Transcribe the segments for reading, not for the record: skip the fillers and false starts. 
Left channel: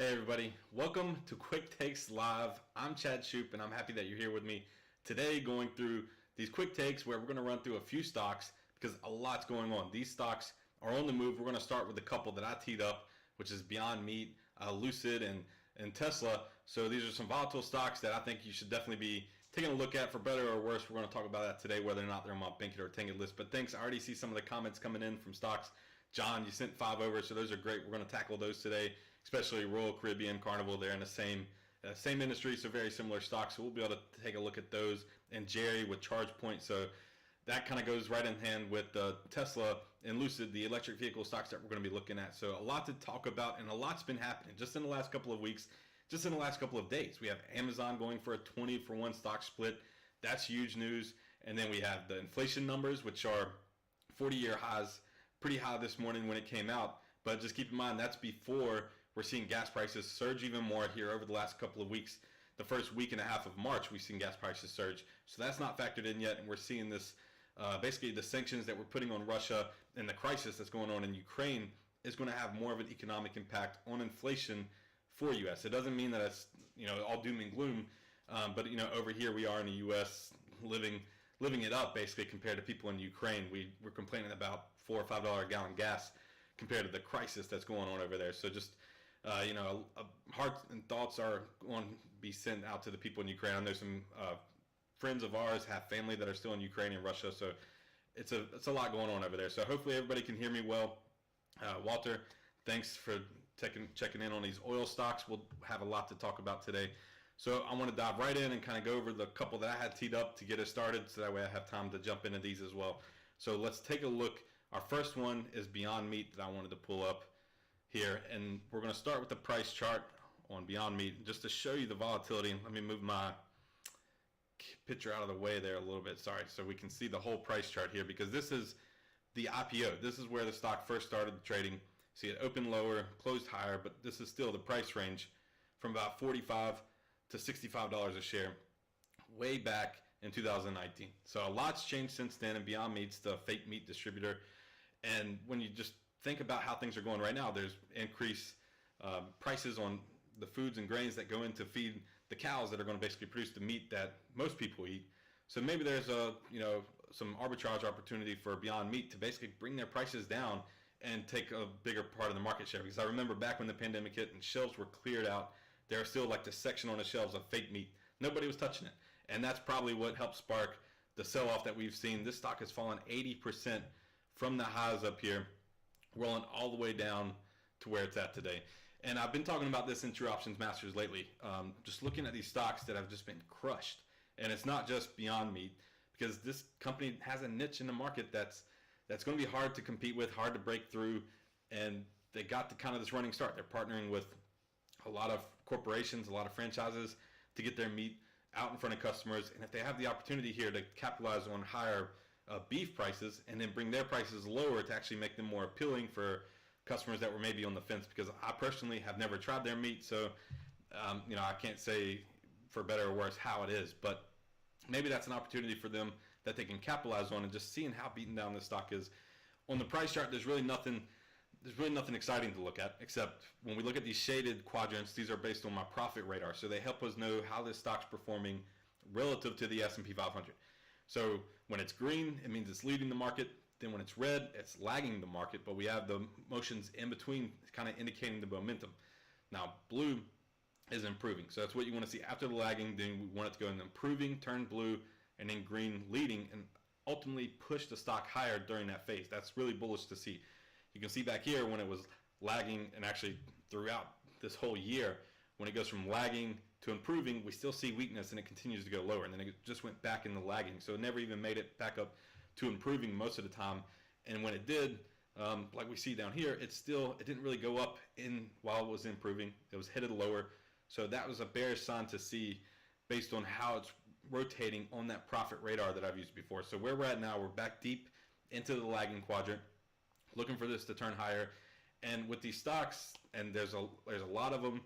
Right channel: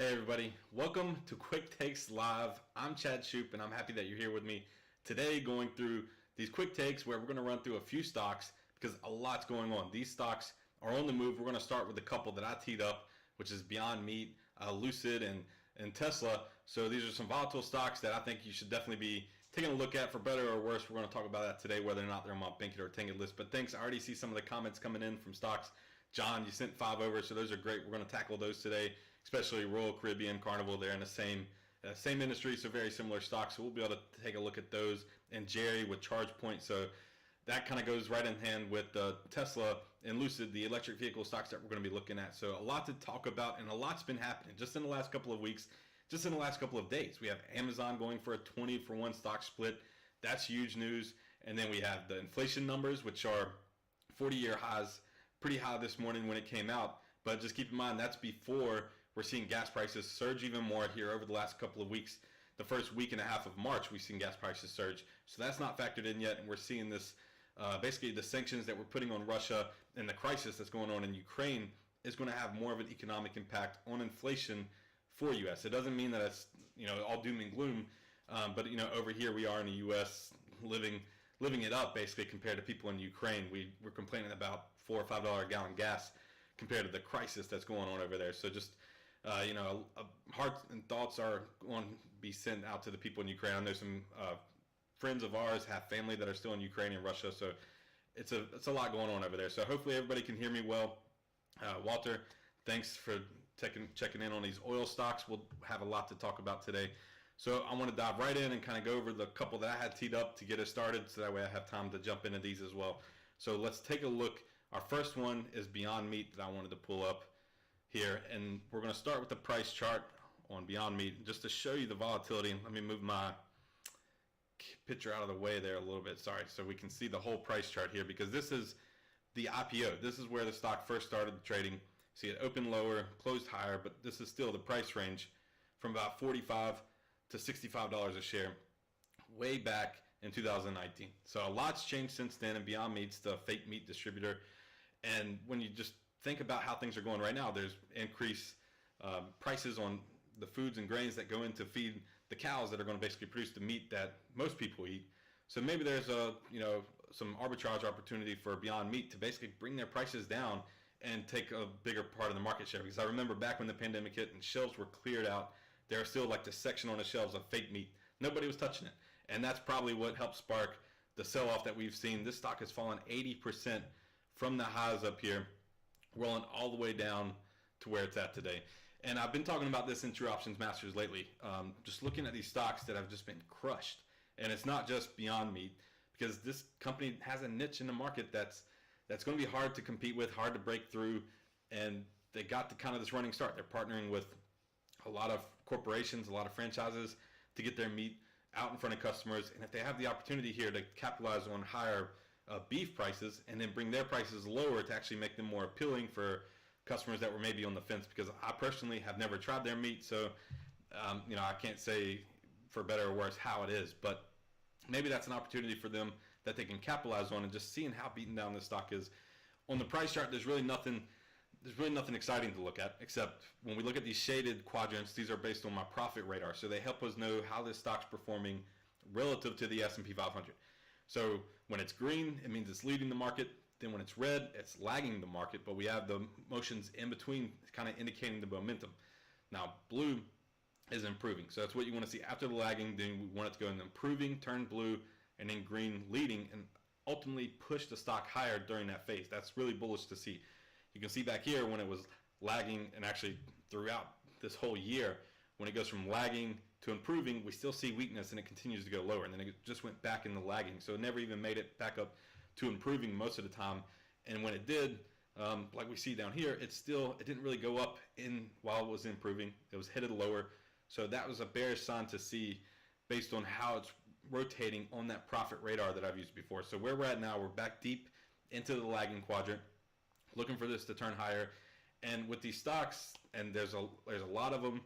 Hey everybody, welcome to Quick Takes Live. I'm Chad Shoop and I'm happy that you're here with me today going through these quick takes where we're going to run through a few stocks because a lot's going on. These stocks are on the move. We're going to start with a couple that I teed up, which is Beyond Meat, Lucid, and Tesla. So these are some volatile stocks that I think you should definitely be taking a look at for better or worse. We're going to talk about that today, whether or not they're on my Bankit or Tanget list. But thanks. I already see some of the comments coming in from stocks. John, you sent 5 over, so those are great. We're going to tackle those today, especially Royal Caribbean, Carnival. They're in the same industry, so very similar stocks. So we'll be able to take a look at those. And Jerry with ChargePoint. So that kind of goes right in hand with Tesla and Lucid, the electric vehicle stocks that we're going to be looking at. So a lot to talk about, and a lot's been happening just in the last couple of weeks, just in the last couple of days. We have Amazon going for a 20-for-1 stock split. That's huge news. And then we have the inflation numbers, which are 40-year highs. Pretty high this morning when it came out, but just keep in mind that's before we're seeing gas prices surge even more here over the last couple of weeks. The first week and a half of March, we've seen gas prices surge, so that's not factored in yet, and we're seeing this basically the sanctions that we're putting on Russia and the crisis that's going on in Ukraine is going to have more of an economic impact on inflation for U.S. It doesn't mean that it's all doom and gloom, but over here we are in the U.S. living it up basically compared to people in Ukraine. We're complaining about $4 or $5 a gallon gas compared to the crisis that's going on over there. So just hearts and thoughts are going to be sent out to the people in Ukraine. I know some friends of ours have family that are still in Ukraine and Russia, so it's a lot going on over there. So hopefully everybody can hear me well. Walter, thanks for checking in on these oil stocks. We'll have a lot to talk about today. So I want to dive right in and kind of go over the couple that I had teed up to get us started, so that way I have time to jump into these as well. So let's take a look. Our first one is Beyond Meat that I wanted to pull up here, and we're going to start with the price chart on Beyond Meat just to show you the volatility. Let me move my picture out of the way there a little bit, sorry, so we can see the whole price chart here, because this is the IPO. This is where the stock first started trading. See, it opened lower, closed higher, but this is still the price range from about $45 to $65 a share way back in 2019. So a lot's changed since then, and Beyond Meat's the fake meat distributor. And when you just think about how things are going right now, there's increased prices on the foods and grains that go in to feed the cows that are going to basically produce the meat that most people eat. So maybe there's some arbitrage opportunity for Beyond Meat to basically bring their prices down and take a bigger part of the market share. Because I remember back when the pandemic hit and shelves were cleared out, there was still like the section on the shelves of fake meat. Nobody was touching it. And that's probably what helped spark the sell-off that we've seen. This stock has fallen 80% from the highs up here, rolling all the way down to where it's at today. And I've been talking about this in True Options Masters lately, just looking at these stocks that have just been crushed. And it's not just Beyond Meat, because this company has a niche in the market that's going to be hard to compete with, hard to break through, and they got this running start. They're partnering with a lot of corporations, a lot of franchises to get their meat out in front of customers. And if they have the opportunity here to capitalize on higher beef prices and then bring their prices lower to actually make them more appealing for customers that were maybe on the fence, because I personally have never tried their meat, so I can't say for better or worse how it is, but maybe that's an opportunity for them that they can capitalize on. And just seeing how beaten down this stock is on the price chart, there's really nothing exciting to look at, except when we look at these shaded quadrants, these are based on my profit radar. So they help us know how this stock's performing relative to the S&P 500. So when it's green, it means it's leading the market. Then when it's red, it's lagging the market, but we have the motions in between kind of indicating the momentum. Now, blue is improving. So that's what you want to see after the lagging. Then we want it to go in improving, turn blue, and then green leading, and ultimately push the stock higher during that phase. That's really bullish to see. You can see back here when it was lagging, and actually throughout this whole year, when it goes from lagging to improving, we still see weakness and it continues to go lower. And then it just went back into lagging. So it never even made it back up to improving most of the time. And when it did, like we see down here, it didn't really go up while it was improving. It was headed lower. So that was a bearish sign to see based on how it's rotating on that profit radar that I've used before. So where we're at now, we're back deep into the lagging quadrant, looking for this to turn higher. And with these stocks, and there's a lot of them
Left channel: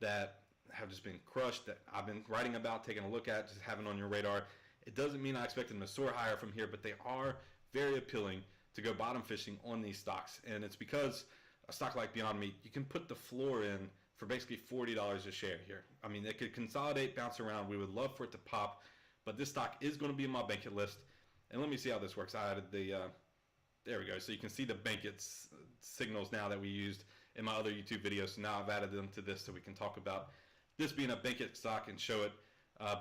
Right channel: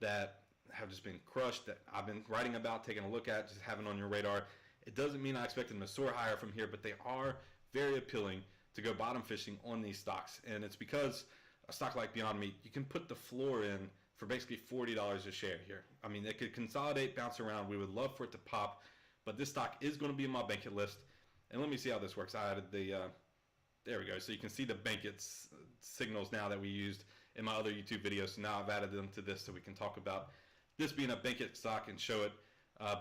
that have just been crushed that I've been writing about, taking a look at, just having on your radar. It doesn't mean I expect them to soar higher from here, but they are very appealing to go bottom fishing on these stocks. And it's because a stock like Beyond Meat, you can put the floor in for for basically $40 a share here. I mean, it could consolidate, bounce around. We would love for it to pop, but this stock is going to be on my Bankit list. And let me see how this works. I added the, there we go. So you can see the Bankit signals now that we used in my other YouTube videos. So now I've added them to this so we can talk about this being a Bankit stock and show it.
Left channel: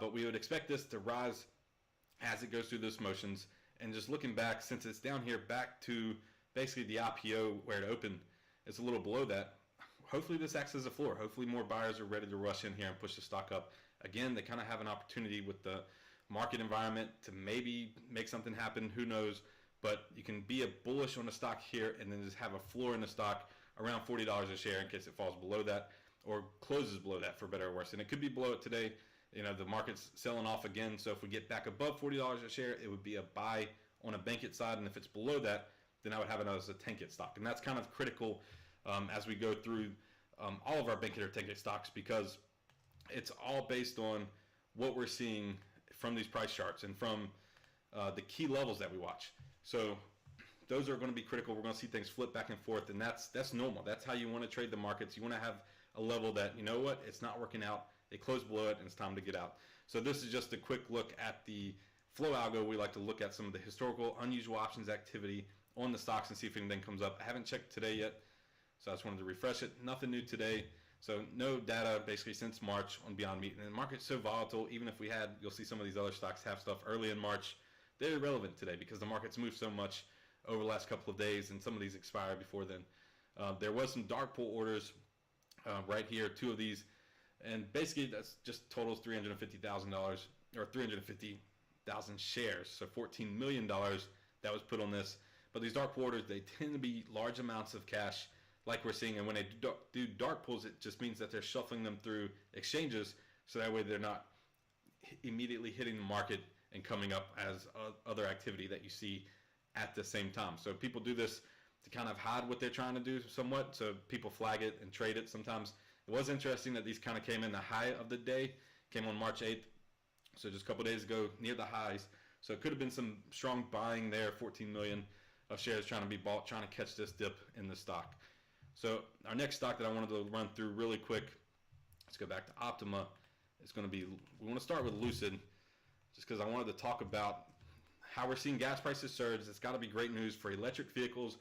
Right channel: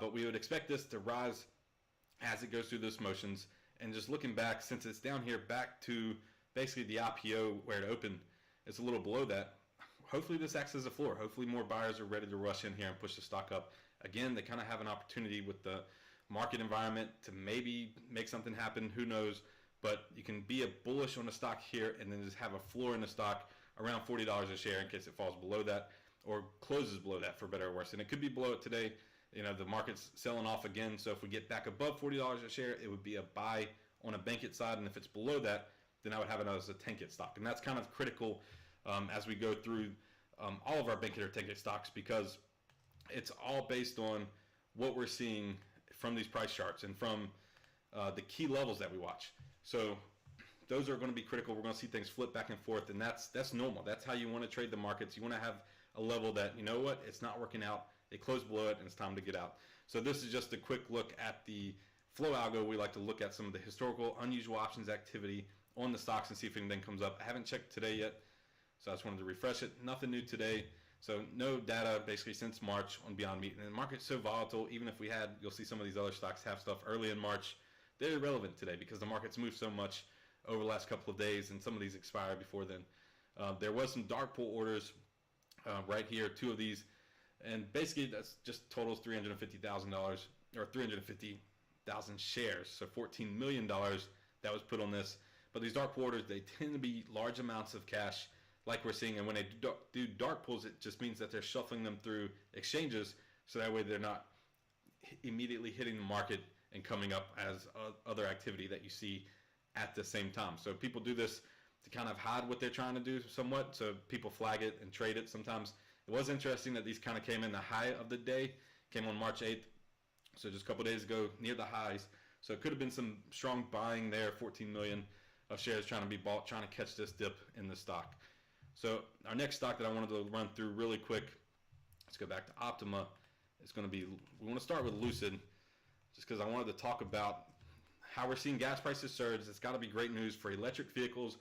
But we would expect this to rise as it goes through those motions. And just looking back, since it's down here back to basically the IPO where it opened, it's a little below that. Hopefully this acts as a floor. Hopefully more buyers are ready to rush in here and push the stock up. Again, they kind of have an opportunity with the market environment to maybe make something happen. Who knows? But you can be a bullish on the stock here and then just have a floor in the stock around $40 a share in case it falls below that or closes below that, for better or worse. And it could be below it today. You know, the market's selling off again. So if we get back above $40 a share, it would be a buy on a Bankit side. And if it's below that, then I would have it as a Tankit stock. And that's kind of critical as we go through all of our Bankit or Tankit stocks, because it's all based on what we're seeing from these price charts and from the key levels that we watch. So those are going to be critical. We're going to see things flip back and forth, and that's normal. That's how you want to trade the markets. You want to have a level that, you know what, it's not working out. It closed below it, and it's time to get out. So this is just a quick look at the flow algo. We like to look at some of the historical unusual options activity on the stocks and see if anything comes up. I haven't checked today yet, so I just wanted to refresh it. Nothing new today. So no data basically since March on Beyond Meat. And the market's so volatile, even if we had, you'll see some of these other stocks have stuff early in March. They're irrelevant today because the market's moved so much over the last couple of days, and some of these expired before then. There was some dark pool orders right here, 2 of these. And basically that's just totals $350,000 or 350,000 shares. So $14 million that was put on this. But these dark pool orders, they tend to be large amounts of cash like we're seeing. And when they do dark pools, it just means that they're shuffling them through exchanges. So that way they're not immediately hitting the market and coming up as other activity that you see at the same time. So people do this to kind of hide what they're trying to do somewhat. So people flag it and trade it sometimes. It was interesting that these kind of came in the high of the day, came on March 8th. So just a couple days ago, near the highs. So it could have been some strong buying there, 14 million of shares trying to be bought, trying to catch this dip in the stock. So our next stock that I wanted to run through really quick, let's go back to Optima. It's going to be, we want to start with Lucid, just because I wanted to talk about how we're seeing gas prices surge. It's got to be great news for electric vehicles.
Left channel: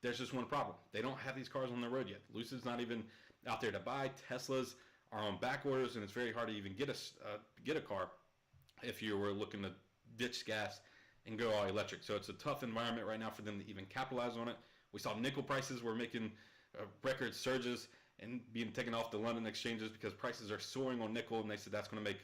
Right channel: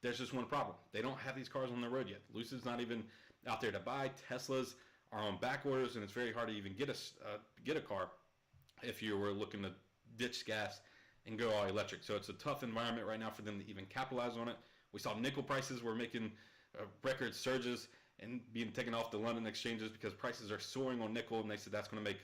There's just one problem. They don't have these cars on the road yet. Lucid's not even out there to buy. Teslas are on back orders, and it's very hard to even get a car if you were looking to ditch gas and go all electric. So it's a tough environment right now for them to even capitalize on it. We saw nickel prices were making record surges and being taken off the London exchanges because prices are soaring on nickel, and they said that's going to make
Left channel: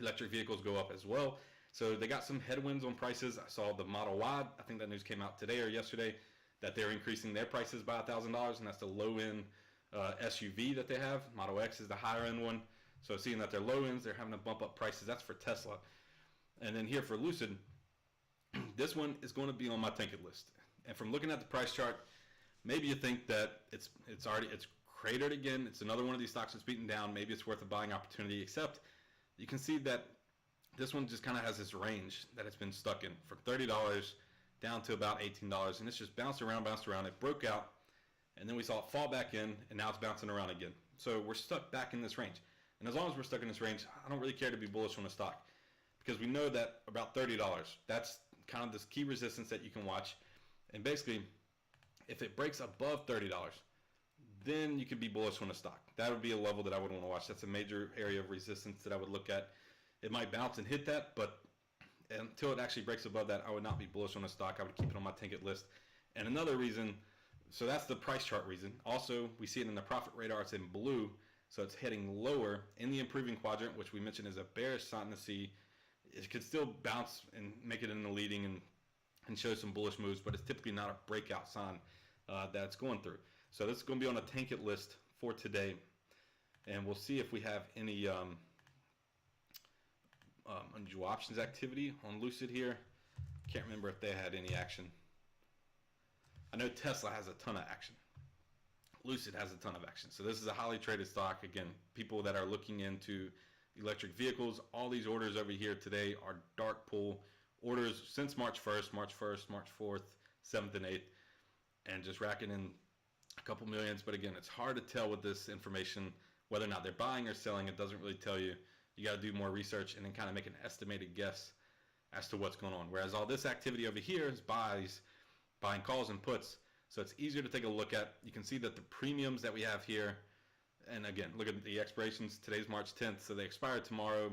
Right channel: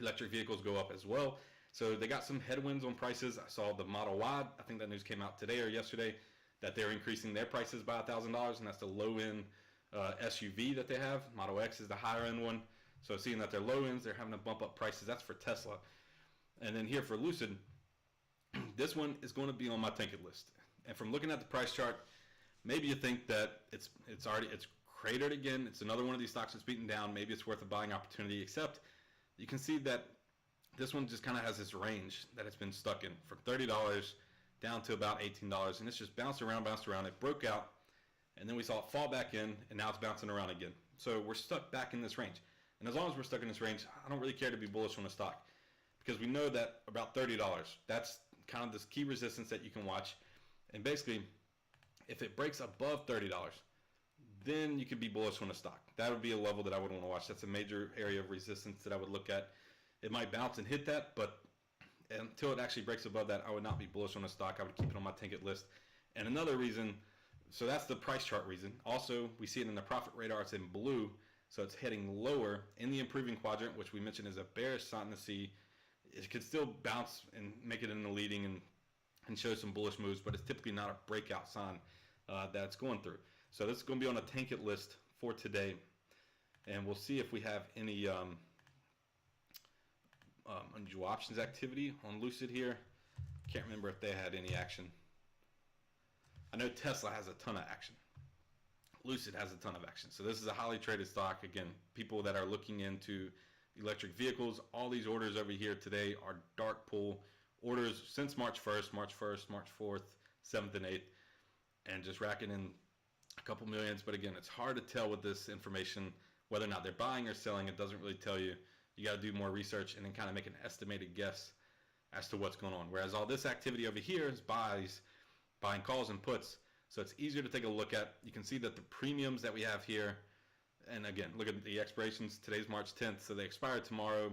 electric vehicles go up as well. So they got some headwinds on prices. I saw the Model Y, I think that news came out today or yesterday, that they're increasing their prices by $1,000, and that's the low-end SUV that they have. Model X is the higher-end one. So seeing that they're low-ends, they're having to bump up prices. That's for Tesla. And then here for Lucid, this one is going to be on my Tankit list. And from looking at the price chart, maybe you think that it's cratered again. It's another one of these stocks that's beaten down. Maybe it's worth a buying opportunity, except you can see that this one just kind of has this range that it's been stuck in from $30 down to about $18, and it's just bounced around. It broke out, and then we saw it fall back in, and now it's bouncing around again. So we're stuck back in this range. And as long as we're stuck in this range, I don't really care to be bullish on the stock, because we know that about $30, that's kind of this key resistance that you can watch. And basically, if it breaks above $30, then you could be bullish on the stock. That would be a level that I would want to watch. That's a major area of resistance that I would look at. It might bounce and hit that, but until it actually breaks above that, I would not be bullish on the stock. I would keep it on my Tankit list. And another reason, so that's the price chart reason. Also, we see it in the profit radar. It's in blue, so it's heading lower in the improving quadrant, which we mentioned is a bearish sign to see. It could still bounce and make it in the leading and show some bullish moves, but it's typically not a breakout sign that it's going through. So this is going to be on a Tankit list for today, and we'll see if we have any unusual options activity on Lucid here. Can't remember if they had any action. I know Tesla has a ton of action. Lucid has a ton of action. So this is a highly traded stock. Again, people that are looking into electric vehicles, all these orders over here today are dark pool orders since March 1st, March 4th, 7th, and 8th, and just racking in a couple millions. But again, it's hard to tell with this information whether or not they're buying or selling, it doesn't really tell you. You got to do more research and then kind of make an estimated guess as to what's going on. Whereas all this activity over here is buys, buying calls and puts. So it's easier to take a look at. You can see that the premiums that we have here, and again, look at the expirations. Today's March 10th, so they expire tomorrow,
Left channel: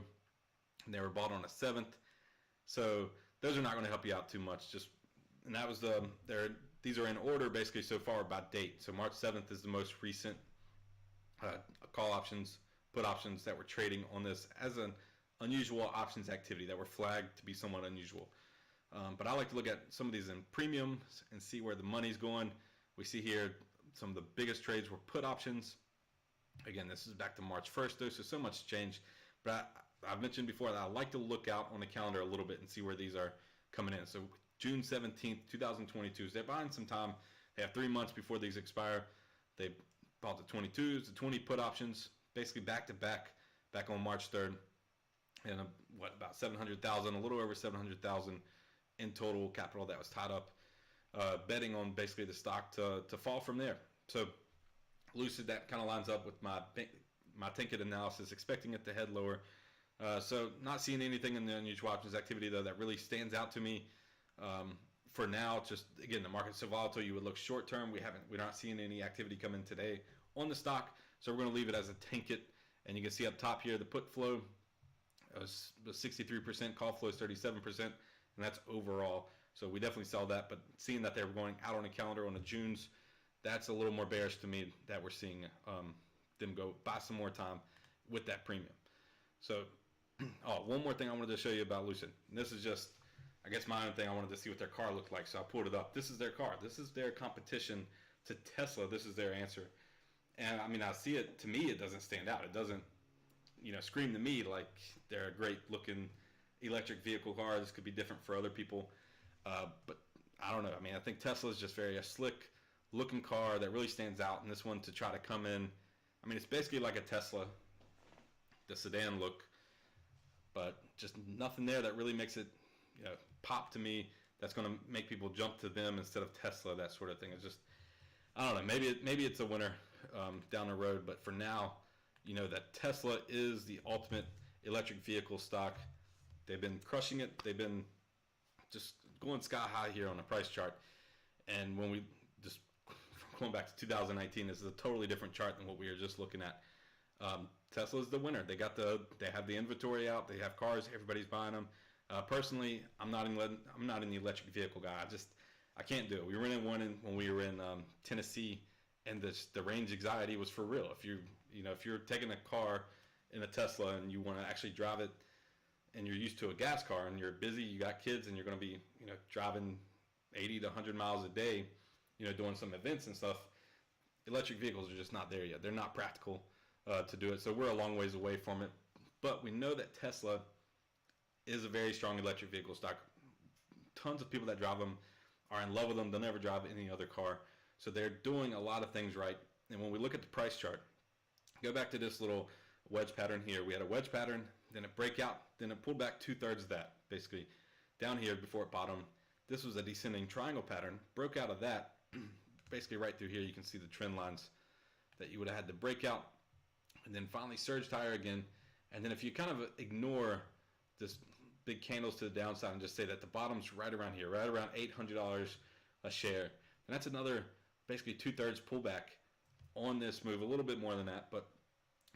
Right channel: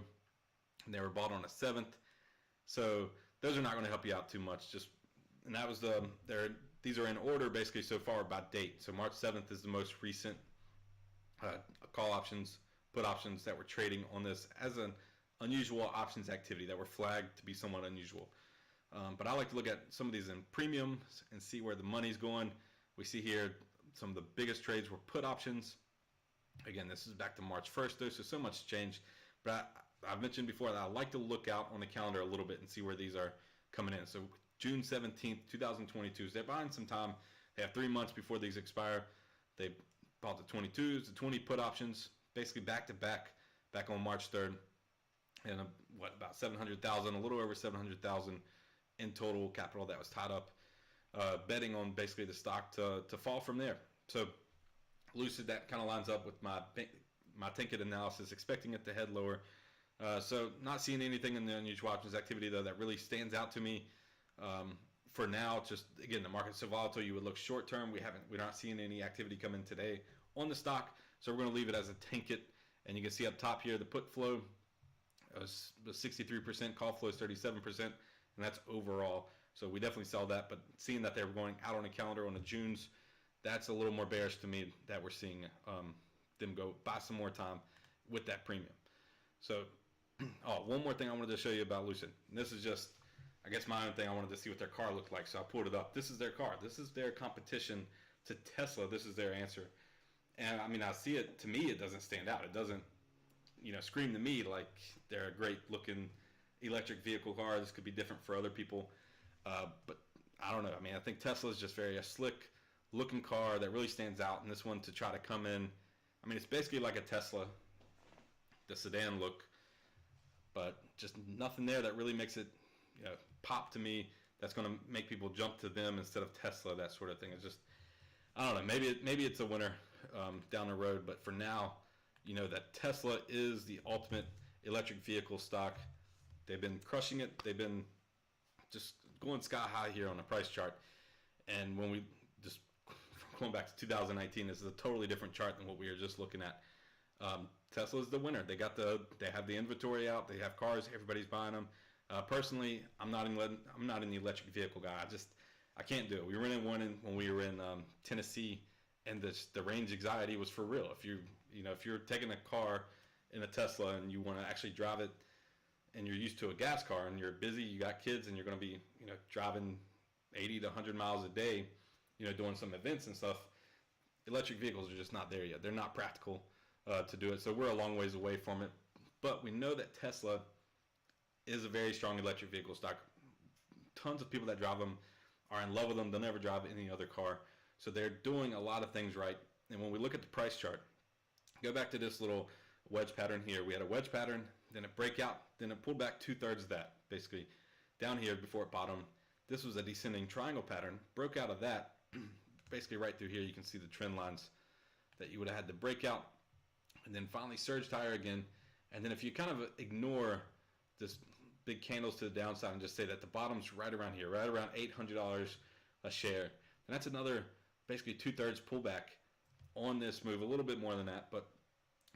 and they were bought on the 7th. So those are not going to help you out too much. And that was these are in order basically so far by date. So March 7th is the most recent call options, put options that were trading on this as an unusual options activity that were flagged to be somewhat unusual. But I like to look at some of these in premiums and see where the money's going. We see here some of the biggest trades were put options. Again, this is back to March 1st though, so much changed. But I've mentioned before that I like to look out on the calendar a little bit and see where these are coming in. So June 17th, 2022, so they're buying some time. They have 3 months before these expire. They bought the 22s, the 20 put options, basically back to back on March 3rd. And about 700,000, a little over 700,000 in total capital that was tied up, betting on basically the stock to fall from there. So Lucid, that kind of lines up with my ticket analysis, expecting it to head lower. So not seeing anything in the unusual options activity though that really stands out to me. For now, just again, the market's so volatile. You would look short term. We're not seeing any activity come in today on the stock, so we're going to leave it as a tank it. And you can see up top here the put flow was 63%, call flow is 37%, and that's overall. So we definitely sell that. But seeing that they're going out on a calendar on the Junes, that's a little more bearish to me that we're seeing them go buy some more time with that premium. So, one more thing I wanted to show you about Lucid. And this is just, I guess, my own thing. I wanted to see what their car looked like, so I pulled it up. This is their car. This is their competition to Tesla. This is their answer. And I mean, I see it. To me, it doesn't stand out. It doesn't, scream to me like they're a great looking electric vehicle car. This could be different for other people, but I don't know. I mean, I think Tesla is just a slick looking car that really stands out. And this one to try to come in, I mean, it's basically like a Tesla, the sedan look, but just nothing there that really makes it pop to me. That's going to make people jump to them instead of Tesla, that sort of thing. It's just, I don't know, maybe it's a winner down the road, but for now, that Tesla is the ultimate electric vehicle stock. They've been crushing it. They've been just going sky high here on the price chart. And when we just going back to 2019, this is a totally different chart than what we were just looking at. Tesla is the winner. They have the inventory out. They have cars. Everybody's buying them. Personally, I'm not in the electric vehicle guy. I can't do it. We were in one when we were in Tennessee, and the range anxiety was for real. If you're taking a car in a Tesla and you want to actually drive it, and you're used to a gas car and you're busy, you got kids, and you're going to be driving 80 to 100 miles a day, doing some events and stuff. Electric vehicles are just not there yet. They're not practical to do it. So we're a long ways away from it. But we know that Tesla is a very strong electric vehicle stock. Tons of people that drive them are in love with them. They'll never drive any other car. So they're doing a lot of things right. And when we look at the price chart, go back to this little wedge pattern here. We had a wedge pattern, then a breakout, then it pulled back 2/3 of that, basically. Down here before it bottomed, this was a descending triangle pattern. Broke out of that, basically right through here. You can see the trend lines that you would have had to break out, and then finally surged higher again. And then if you kind of ignore this big candles to the downside and just say that the bottom's right around here, right around $800 a share, and that's another basically 2/3 pullback on this move, a little bit more than that, but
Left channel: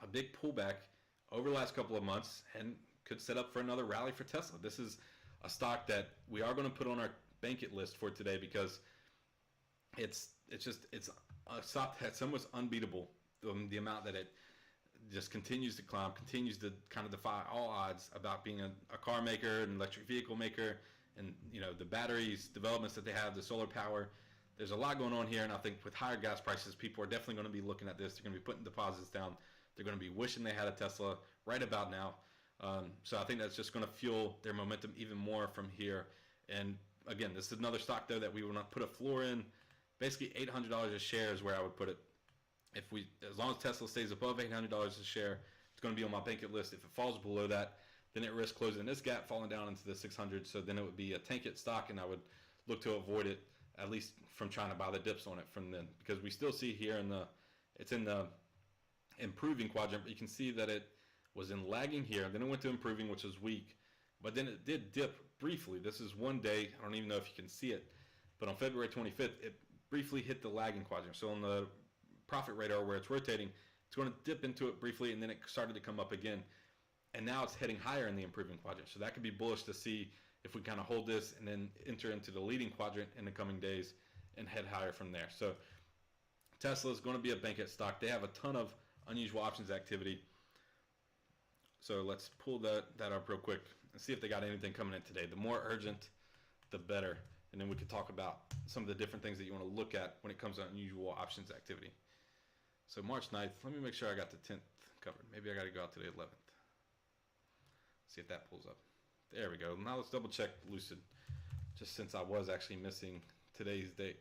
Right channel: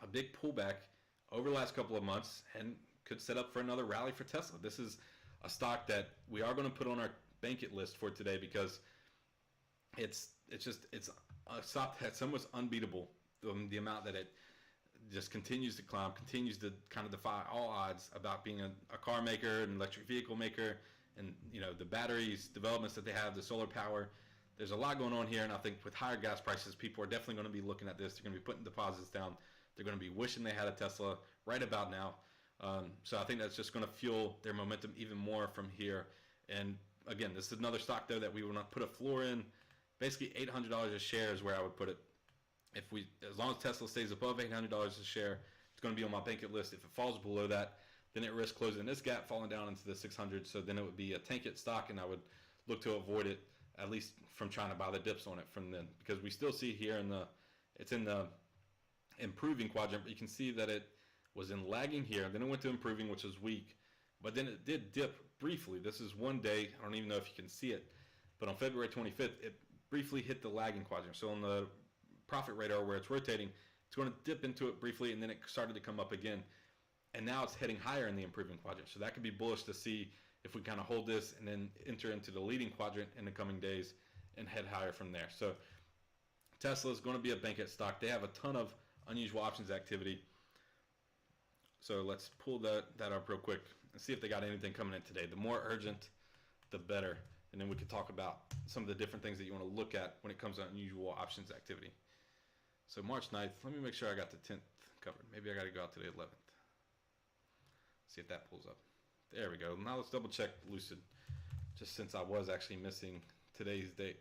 a big pullback over the last couple of months, and could set up for another rally for Tesla. This is a stock that we are going to put on our bank it list for today, because it's a stock that's almost unbeatable. The amount that it just continues to climb, continues to kind of defy all odds about being a car maker, an electric vehicle maker, and the batteries developments that they have, the solar power. There's a lot going on here, and I think with higher gas prices, people are definitely going to be looking at this. They're going to be putting deposits down. They're going to be wishing they had a Tesla right about now. So I think that's just going to fuel their momentum even more from here. And again, this is another stock though that we will not put a floor in. Basically, $800 a share is where I would put it. As long as Tesla stays above $800 a share, it's going to be on my bank it list. If it falls below that, then it risks closing this gap, falling down into the 600. So then it would be a tank it stock, and I would look to avoid it, at least from trying to buy the dips on it from then, because we still see here it's in the improving quadrant, but you can see that it was in lagging here. Then it went to improving, which is weak, but then it did dip briefly. This is one day. I don't even know if you can see it, but on February 25th, it briefly hit the lagging quadrant. So on the profit radar where it's rotating, it's going to dip into it briefly, and then it started to come up again. And now it's heading higher in the improving quadrant. So that could be bullish to see if we kind of hold this and then enter into the leading quadrant in the coming days and head higher from there. So Tesla is going to be a bankit stock. They have a ton of unusual options activity. So let's pull that up real quick and see if they got anything coming in today. The more urgent, the better. And then we could talk about some of the different things that you want to look at when it comes to unusual options activity. So March 9th, let me make sure I got the 10th covered. Maybe I got to go out to the 11th. See if that pulls up. There we go. Now let's double check Lucid, just since I was actually missing today's date.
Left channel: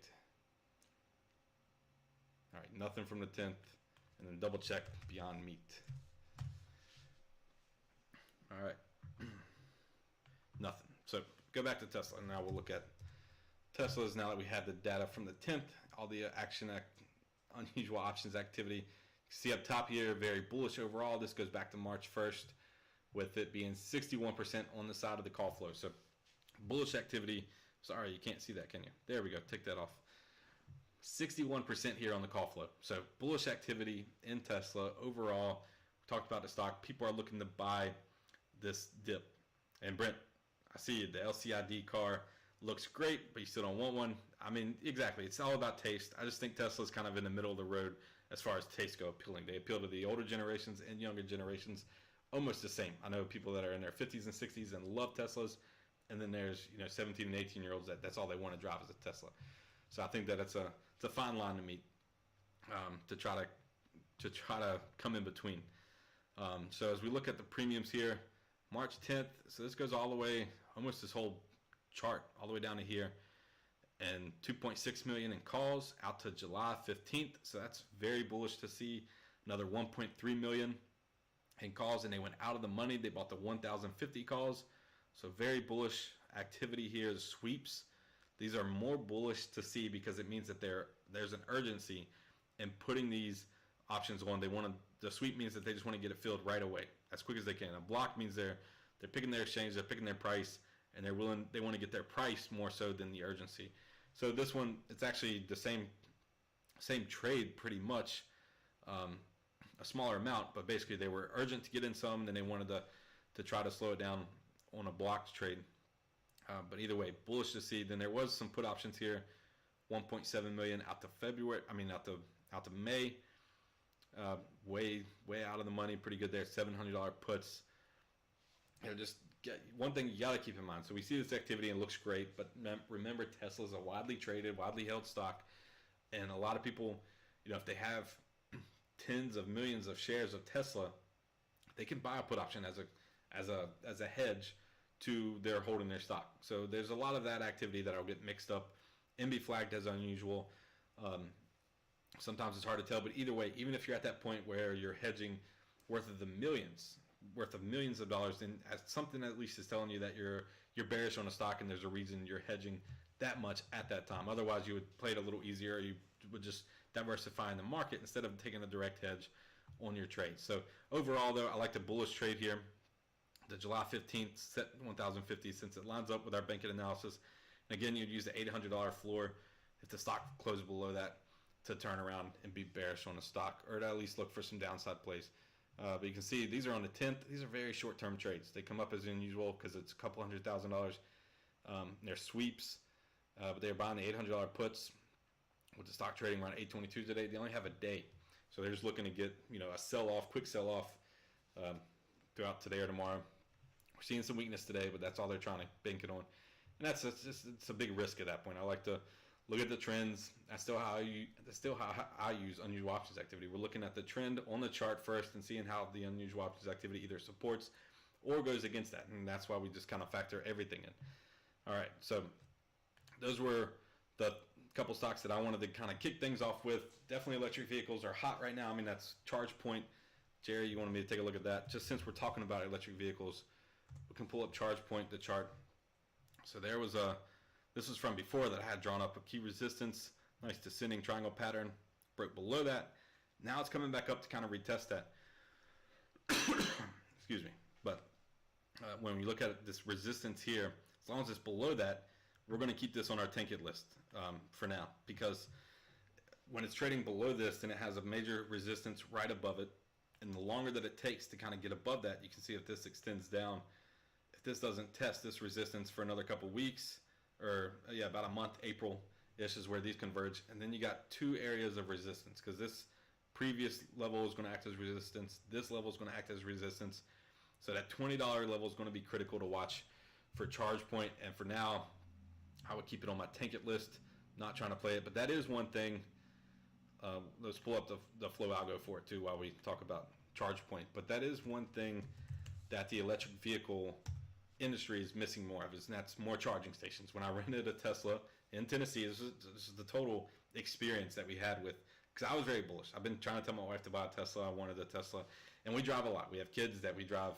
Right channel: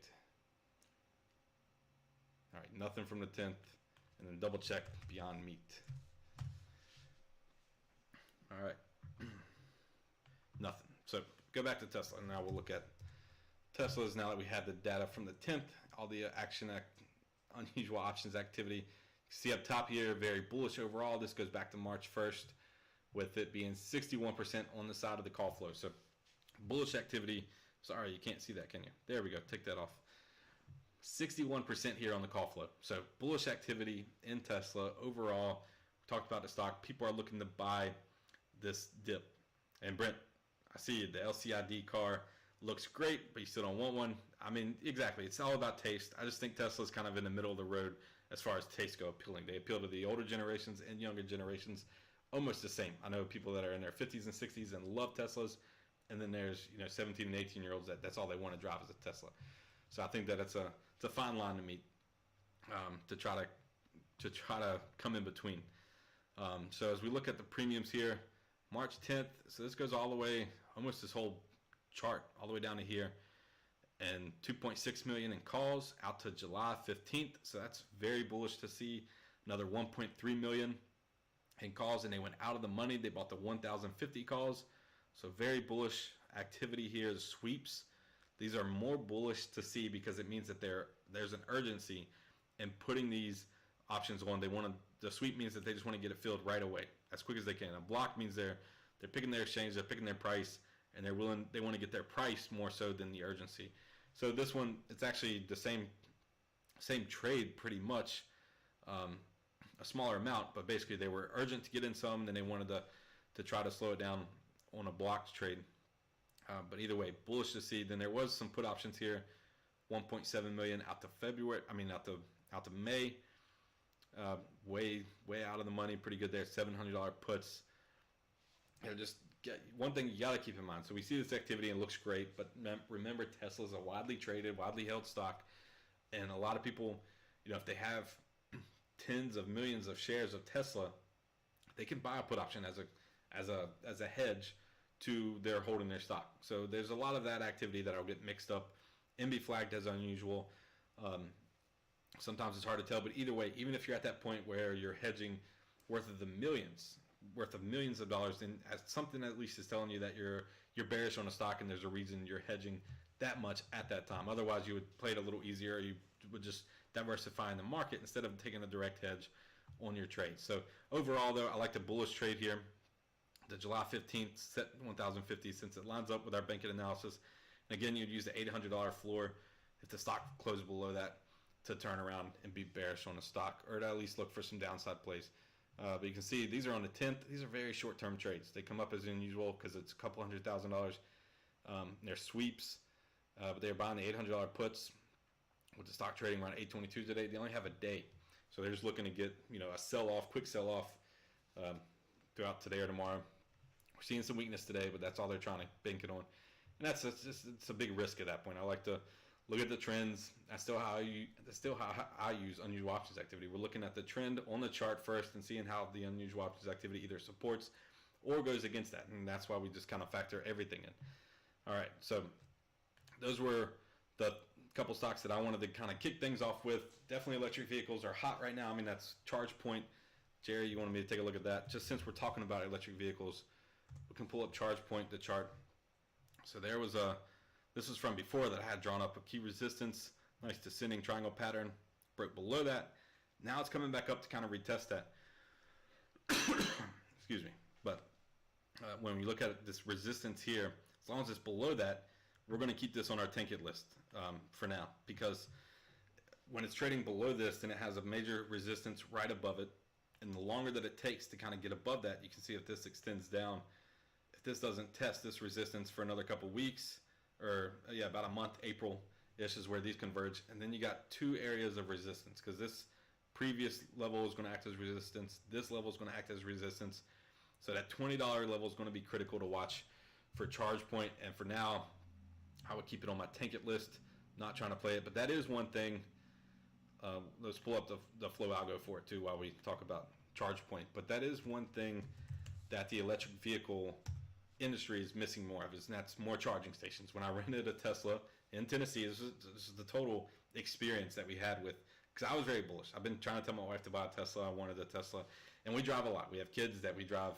All right, nothing from the 10th, and then double check Beyond Meat. All right, nothing. So go back to Tesla, and now we'll look at Tesla's. Now that we have the data from the 10th, all the unusual options activity. You see up top here, very bullish overall. This goes back to March 1st. With it being 61% on the side of the call flow. So bullish activity. Sorry, you can't see that, can you? There we go. Take that off. 61% here on the call flow. So bullish activity in Tesla overall. We talked about the stock. People are looking to buy this dip. And Brent, I see the LCID car looks great, but you still don't want one. I mean, exactly. It's all about taste. I just think Tesla's kind of in the middle of the road as far as taste go appealing. They appeal to the older generations and younger generations. Almost the same. I know people that are in their 50s and 60s and love Teslas, and then there's 17 and 18-year-olds that's all they want to drive is a Tesla. So I think that it's a fine line to meet to try to come in between. So as we look at the premiums here, March 10th. So this goes all the way, almost this whole chart, all the way down to here, and 2.6 million in calls out to July 15th. So that's very bullish to see. Another 1.3 million. In calls, and they went out of the money. They bought the 1,050 calls. So very bullish activity here. The sweeps, these are more bullish to see because it means that there's an urgency in putting these options on. The sweep means that they just want to get it filled right away, as quick as they can. A block means they're picking their exchange, they're picking their price, and they want to get their price more so than the urgency. So this one, it's actually the same trade pretty much. A smaller amount, but basically they were urgent to get in some, and then they wanted to try to slow it down on a blocked trade. But either way, bullish to see. Then there was some put options here, 1.7 million out to February. I mean out to May. Way out of the money. Pretty good there. $700 puts. Just one thing you got to keep in mind. So we see this activity and it looks great, but remember Tesla's a widely traded, widely held stock, and a lot of people, if they have tens of millions of shares of Tesla, they can buy a put option as a hedge to their holding their stock. So there's a lot of that activity that'll get mixed up and be flagged as unusual. Sometimes it's hard to tell, but either way, even if you're at that point where you're hedging worth of millions of dollars, then something at least is telling you that you're bearish on a stock and there's a reason you're hedging that much at that time. Otherwise, you would play it a little easier. You would just diversify in the market instead of taking a direct hedge on your trade. So overall, though, I like the bullish trade here. The July 15th set 1,050 since it lines up with our bankit analysis. And again, you'd use the $800 floor if the stock closed below that to turn around and be bearish on the stock, or to at least look for some downside plays. But you can see these are on the 10th. These are very short-term trades. They come up as unusual because it's a couple $100,000. They're sweeps, but they're buying the $800 puts with the stock trading around 822 today. They only have a day, so they're just looking to get a sell-off, quick sell-off throughout today or tomorrow. We're seeing some weakness today, but that's all they're trying to bank it on, and it's a big risk at that point. I like to look at the trends. That's still how I use unusual options activity. We're looking at the trend on the chart first and seeing how the unusual options activity either supports or goes against that, and that's why we just kind of factor everything in. All right, so those were the couple stocks that I wanted to kind of kick things off with. Definitely electric vehicles are hot right now. I mean, that's ChargePoint. Jerry, you wanted me to take a look at that. Just since we're talking about electric vehicles, we can pull up ChargePoint, the chart. So there was this was from before that I had drawn up a key resistance, nice descending triangle pattern, broke below that, Now it's coming back up to kind of retest that. Excuse me. But when we look at this resistance here, as long as it's below that, we're going to keep this on our tank it list for now, because when it's trading below this, then it has a major resistance right above it. And the longer that it takes to kind of get above that, you can see if this extends down, if this doesn't test this resistance for another couple weeks, or about a month, April-ish is where these converge. And then you got two areas of resistance, because this previous level is going to act as resistance. This level is going to act as resistance. So that $20 level is going to be critical to watch for charge point. And for now, I would keep it on my tank it list, not trying to play it. But that is one thing. Let's pull up the flow algo for it too while we talk about charge point. But that is one thing that the electric vehicle industry is missing more of, and that's more charging stations. When I rented a Tesla in Tennessee, this is the total experience that we had with, because I was very bullish. I've been trying to tell my wife to buy a Tesla. I wanted a Tesla, and we drive a lot. We have kids that we drive,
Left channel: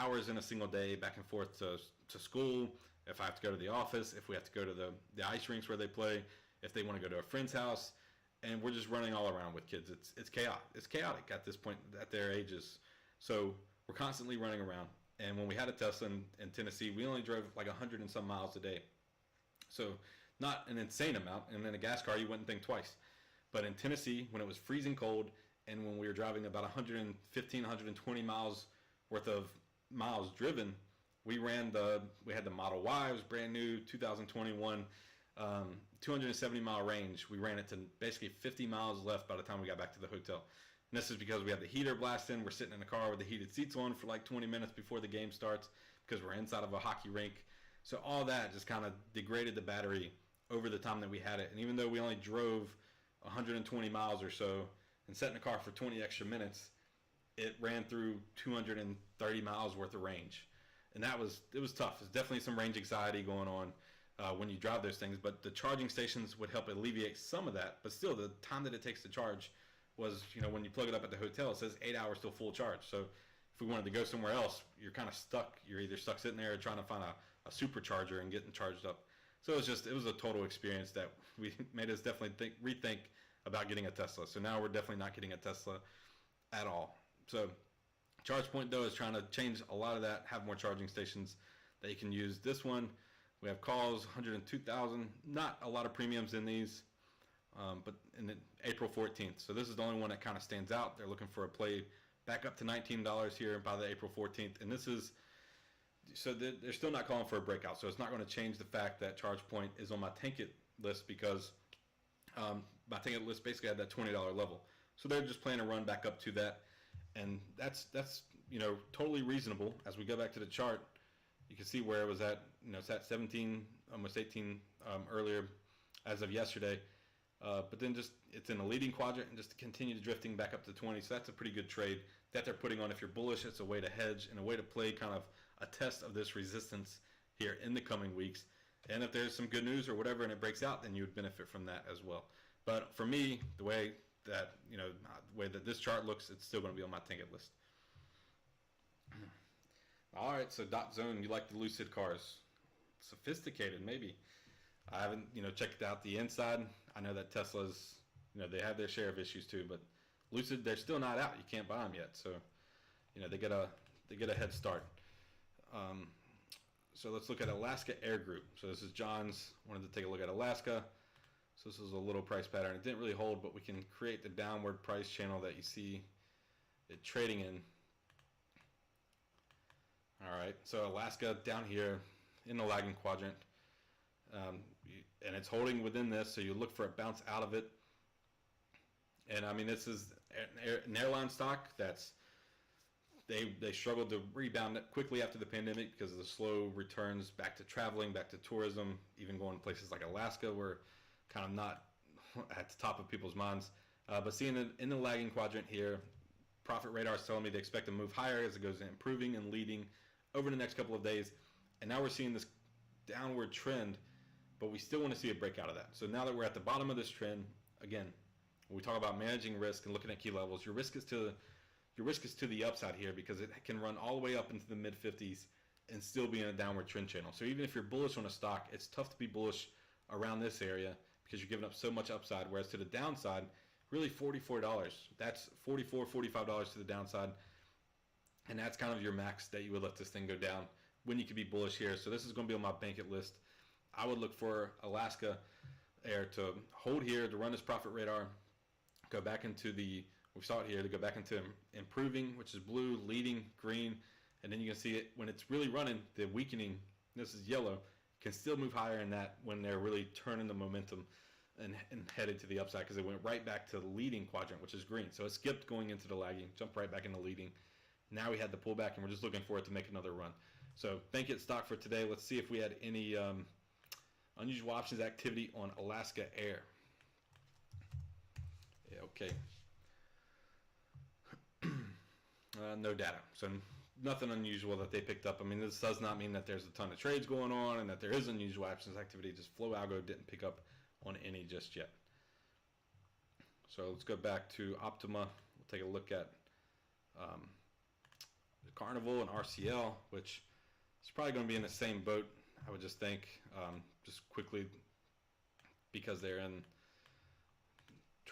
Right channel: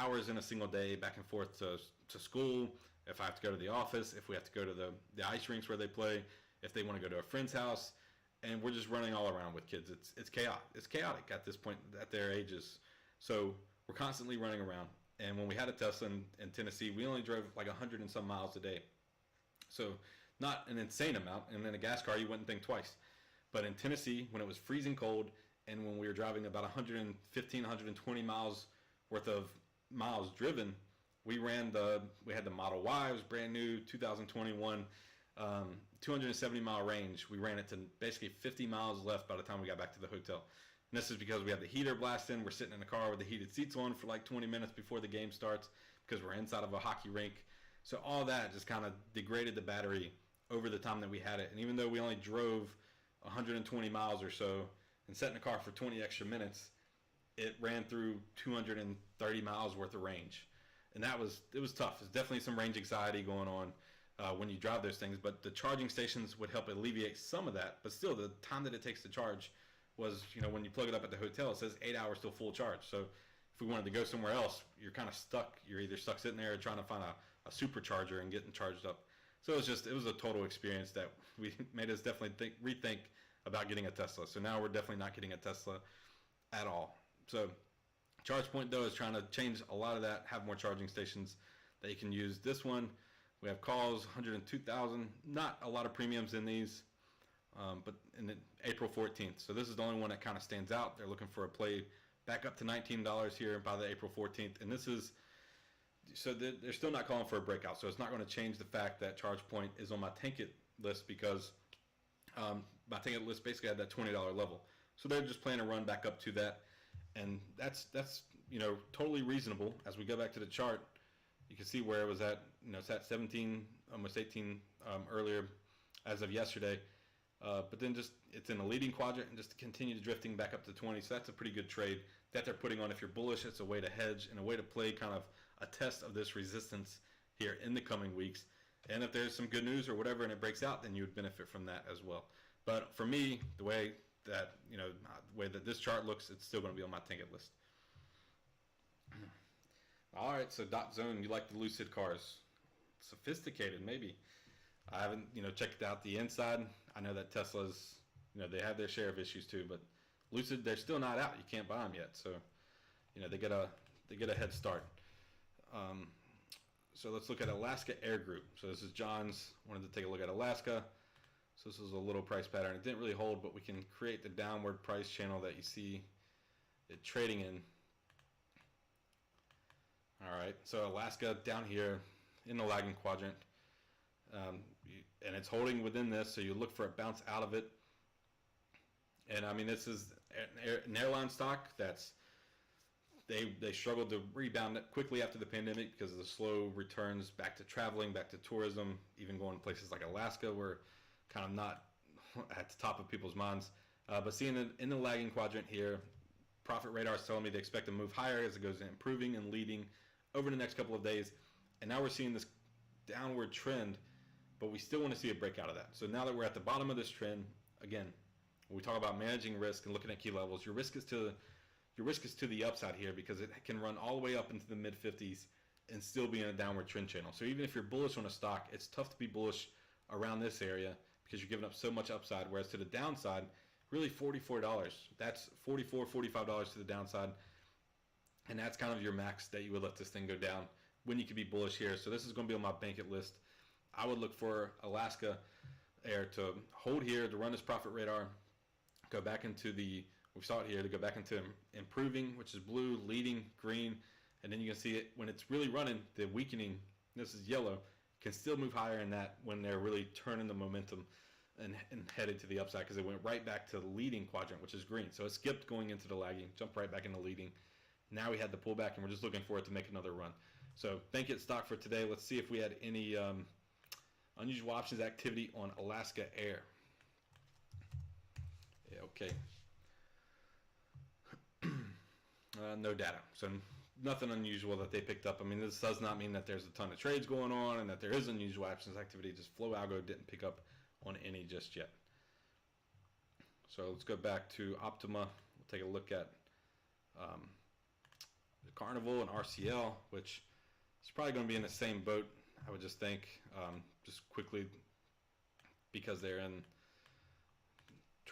hours in a single day back and forth to school. If I have to go to the office, if we have to go to the ice rinks where they play, if they want to go to a friend's house, and we're just running all around with kids. It's chaotic. It's chaotic at this point at their ages. So we're constantly running around. And when we had a Tesla in Tennessee, we only drove like 100 and some miles a day. So not an insane amount. And in a gas car, you wouldn't think twice. But in Tennessee, when it was freezing cold, and when we were driving about 115, 120 miles worth of miles driven, we had the Model Y. It was brand new, 2021. 270 mile range. We ran it to basically 50 miles left by the time we got back to the hotel. And this is because we have the heater blasting. We're sitting in the car with the heated seats on for like 20 minutes before the game starts, because we're inside of a hockey rink. So all that just kind of degraded the battery over the time that we had it. And even though we only drove 120 miles or so and sat in the car for 20 extra minutes, it ran through 230 miles worth of range. And it was tough. There's definitely some range anxiety going on when you drive those things, but the charging stations would help alleviate some of that. But still, the time that it takes to charge was, when you plug it up at the hotel, it says 8 hours till full charge. So if we wanted to go somewhere else, you're kind of stuck. You're either stuck sitting there or trying to find a supercharger and getting charged up. So it was a total experience that made us definitely rethink about getting a Tesla. So now we're definitely not getting a Tesla at all. So ChargePoint, though, is trying to change a lot of that, have more charging stations that you can use. This one, we have calls, 102,000. Not a lot of premiums in these, but in April 14th. So this is the only one that kind of stands out. They're looking for a play back up to $19 here by the April 14th. And this is, so they're still not calling for a breakout. So it's not going to change the fact that ChargePoint is on my tank it list, because my tank it list basically had that $20 level. So they're just planning to run back up to that. And that's totally reasonable. As we go back to the chart, you can see where it was at. It's at 17, almost 18 earlier as of yesterday. But then it's in a leading quadrant and just continue drifting back up to 20. So that's a pretty good trade that they're putting on. If you're bullish, it's a way to hedge and a way to play kind of a test of this resistance here in the coming weeks. And if there's some good news or whatever and it breaks out, then you would benefit from that as well. But for me, the way that this chart looks, it's still going to be on my tank it list. All right, so Dot Zone, you like the Lucid cars. Sophisticated, maybe. I haven't, checked out the inside. I know that Tesla's, they have their share of issues too, but Lucid, they're still not out. You can't buy them yet, so, they get a head start. So let's look at Alaska Air Group. So this is John's. Wanted to take a look at Alaska. So this is a little price pattern. It didn't really hold, but we can create the downward price channel that you see it trading in. All right, so Alaska down here in the lagging quadrant, and it's holding within this, so you look for a bounce out of it. And I mean, this is an airline stock that's they struggled to rebound quickly after the pandemic because of the slow returns back to traveling, back to tourism, even going to places like Alaska were kind of not at the top of people's minds. But seeing it in the lagging quadrant here, Profit Radar is telling me they expect to move higher as it goes improving and leading over the next couple of days. And now we're seeing this downward trend, but we still want to see a breakout of that. So now that we're at the bottom of this trend, again, when we talk about managing risk and looking at key levels, your risk is to the upside here, because it can run all the way up into the mid 50s and still be in a downward trend channel. So even if you're bullish on a stock, it's tough to be bullish around this area because you're giving up so much upside. Whereas to the downside, really $44. That's $45 to the downside. And that's kind of your max that you would let this thing go down when you could be bullish here. So this is going to be on my bankit list. I would look for Alaska Air to hold here, to run this profit radar, go back into we saw it here, to go back into improving, which is blue, leading, green, and then you can see it when it's really running, the weakening, this is yellow, can still move higher in that when they're really turning the momentum and headed to the upside, because it went right back to the leading quadrant, which is green. So it skipped going into the lagging, jumped right back into leading. Now we had the pullback, and we're just looking for it to make another run. So bankit stock for today. Let's see if we had any unusual options activity on Alaska Air. Yeah, okay. No data. So nothing unusual that they picked up. I mean, this does not mean that there's a ton of trades going on and that there is unusual options activity. Just Flow Algo didn't pick up on any just yet. So let's go back to Optima. We'll take a look at the Carnival and RCL, which is probably going to be in the same boat, I would just think, just quickly, because they're in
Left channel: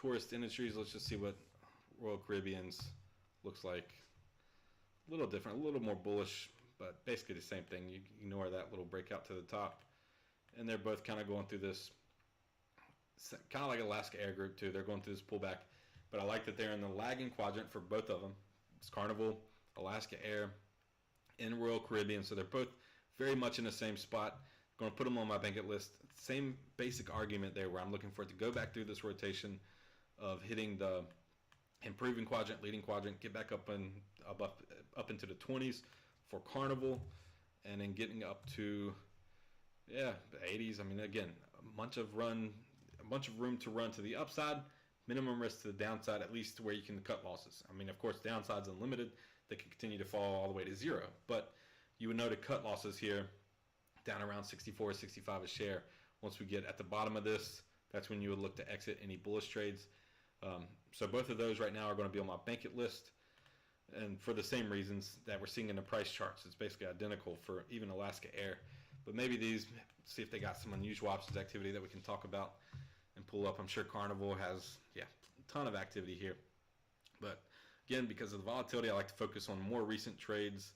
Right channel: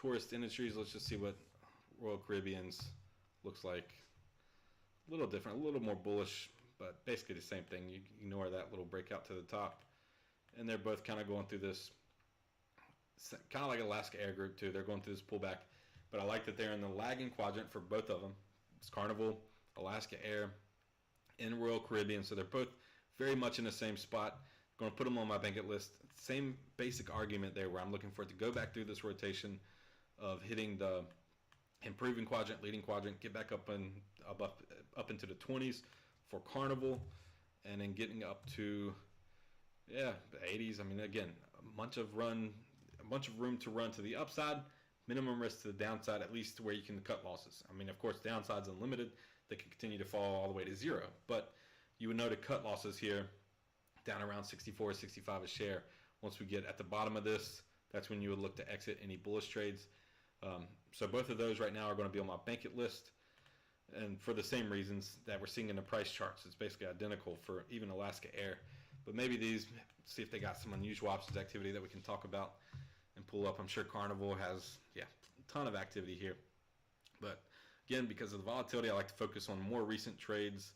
tourist industries. Let's just see what Royal Caribbean's looks like. A little different, a little more bullish, but basically the same thing. You ignore that little breakout to the top. And they're both kind of going through this, kind of like Alaska Air Group too. They're going through this pullback. But I like that they're in the lagging quadrant for both of them. It's Carnival, Alaska Air, and Royal Caribbean. So they're both very much in the same spot. I'm going to put them on my bankit list. Same basic argument there, where I'm looking for it to go back through this rotation of hitting the improving quadrant, leading quadrant, get back up into the 20s for Carnival, and then getting up to the 80s. I mean, again, a bunch of room to run to the upside, minimum risk to the downside, at least to where you can cut losses. I mean, of course, downside's unlimited. They can continue to fall all the way to zero, but you would know to cut losses here down around 64, 65 a share. Once we get at the bottom of this, that's when you would look to exit any bullish trades. So both of those right now are going to be on my bankit list, and for the same reasons that we're seeing in the price charts. It's basically identical for even Alaska Air, but maybe these, see if they got some unusual options activity that we can talk about and pull up. I'm sure Carnival has a ton of activity here, but again, because of the volatility, I like to focus on more recent trades.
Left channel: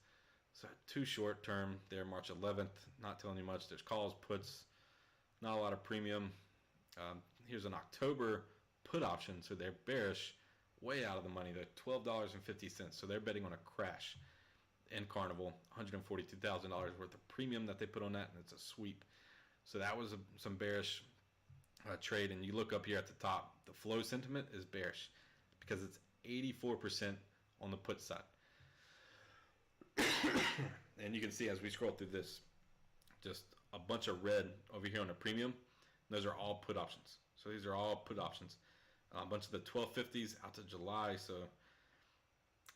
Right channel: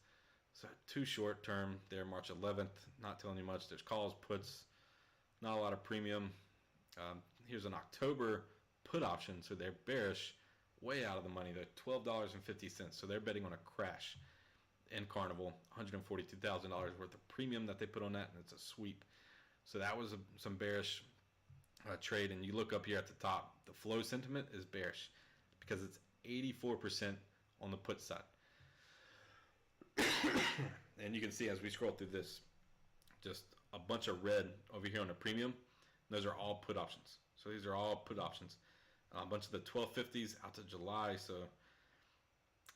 So too short term there, March 11th, not telling you much. There's calls, puts, not a lot of premium. Here's an October put option, so they're bearish, way out of the money. They're $12.50, so they're betting on a crash in Carnival. $142,000 worth of premium that they put on that, and it's a sweep. So that was some bearish trade, and you look up here at the top, the flow sentiment is bearish because it's 84% on the put side. And you can see as we scroll through this, just a bunch of red over here on the premium. Those are all put options. So these are all put options. A bunch of the 1250s out to July. So,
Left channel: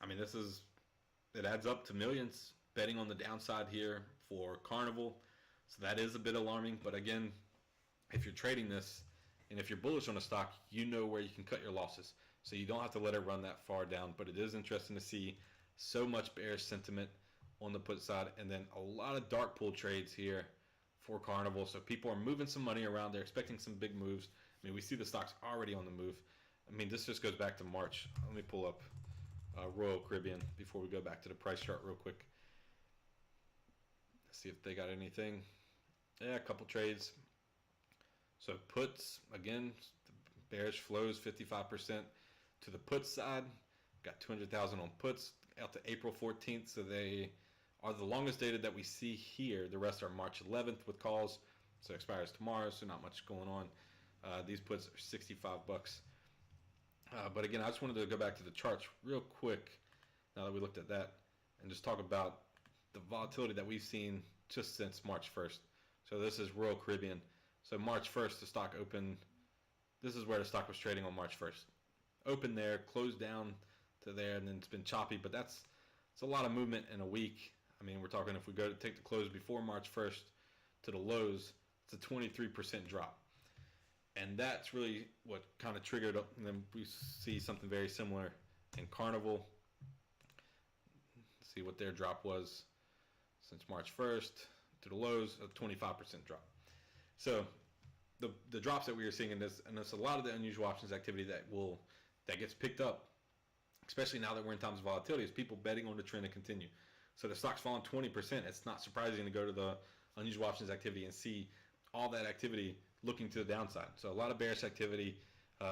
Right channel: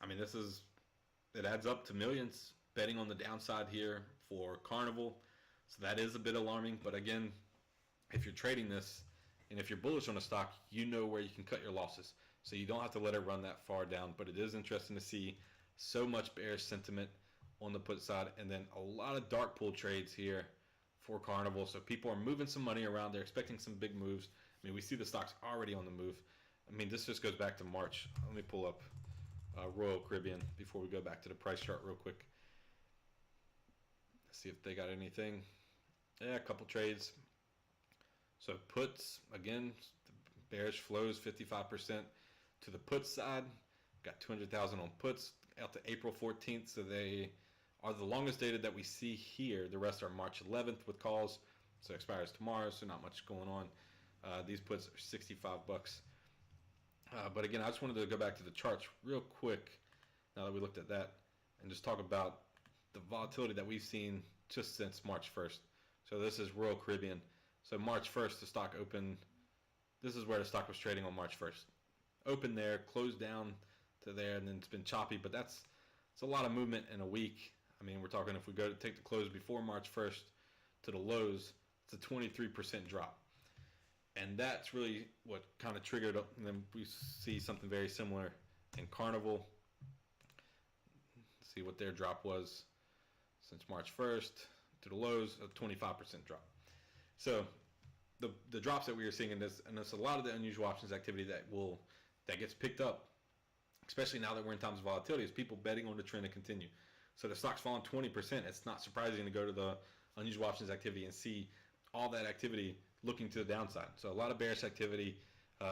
I mean, it adds up to millions betting on the downside here for Carnival. So that is a bit alarming. But again, if you're trading this and if you're bullish on a stock, you know where you can cut your losses. So you don't have to let it run that far down. But it is interesting to see so much bearish sentiment on the put side, and then a lot of dark pool trades here for Carnival. So people are moving some money around. They're expecting some big moves. I mean, we see the stocks already on the move. I mean, this just goes back to March. Let me pull up Royal Caribbean before we go back to the price chart real quick. See if they got anything. Yeah, a couple trades. So puts, again, bearish flows 55% to the put side. Got 200,000 on puts out to April 14th. So they are the longest dated that we see here. The rest are March 11th with calls. So it expires tomorrow, so not much going on. These puts are $65. But again, I just wanted to go back to the charts real quick now that we looked at that and just talk about the volatility that we've seen just since March 1st. So this is Royal Caribbean. So March 1st, the stock opened. This is where the stock was trading on March 1st. Opened there, closed down to there, and then it's been choppy. But it's a lot of movement in a week. I mean, we're talking if we go to take the close before March 1st to the lows, it's a 23% drop. And that's really what kind of triggered up. And then we see something very similar in Carnival. See what their drop was since March 1st to the lows, a 25% drop. So the drops that we are seeing in this, and it's a lot of the unusual options activity that will that gets picked up, especially now that we're in times of volatility, is people betting on the trend to continue. So the stock's falling 20%. It's not surprising to go to the unusual options activity and see all that activity looking to the downside. So a lot of bearish activity.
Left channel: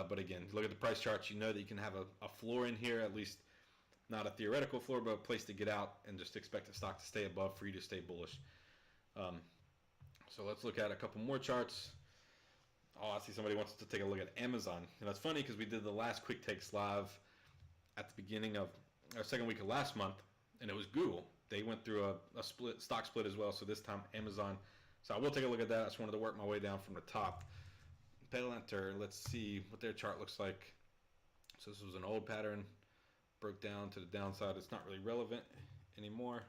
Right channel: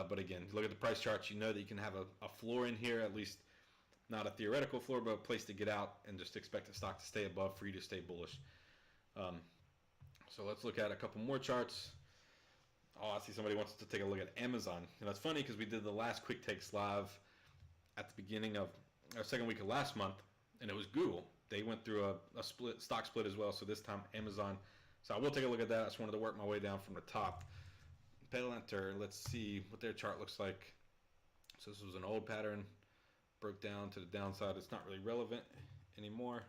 But again, look at the price charts. You know that you can have a floor in here, at least not a theoretical floor, but a place to get out and just expect the stock to stay above for you to stay bullish. So let's look at a couple more charts. Oh, I see somebody wants to take a look at Amazon. And that's funny because we did the last quick takes live at the beginning of our second week of last month, and it was Google. They went through a stock split as well, so this time Amazon. So I will take a look at that. I just wanted to work my way down from the top. Palantir, let's see what their chart looks like. So this was an old pattern, broke down to the downside. It's not really relevant anymore.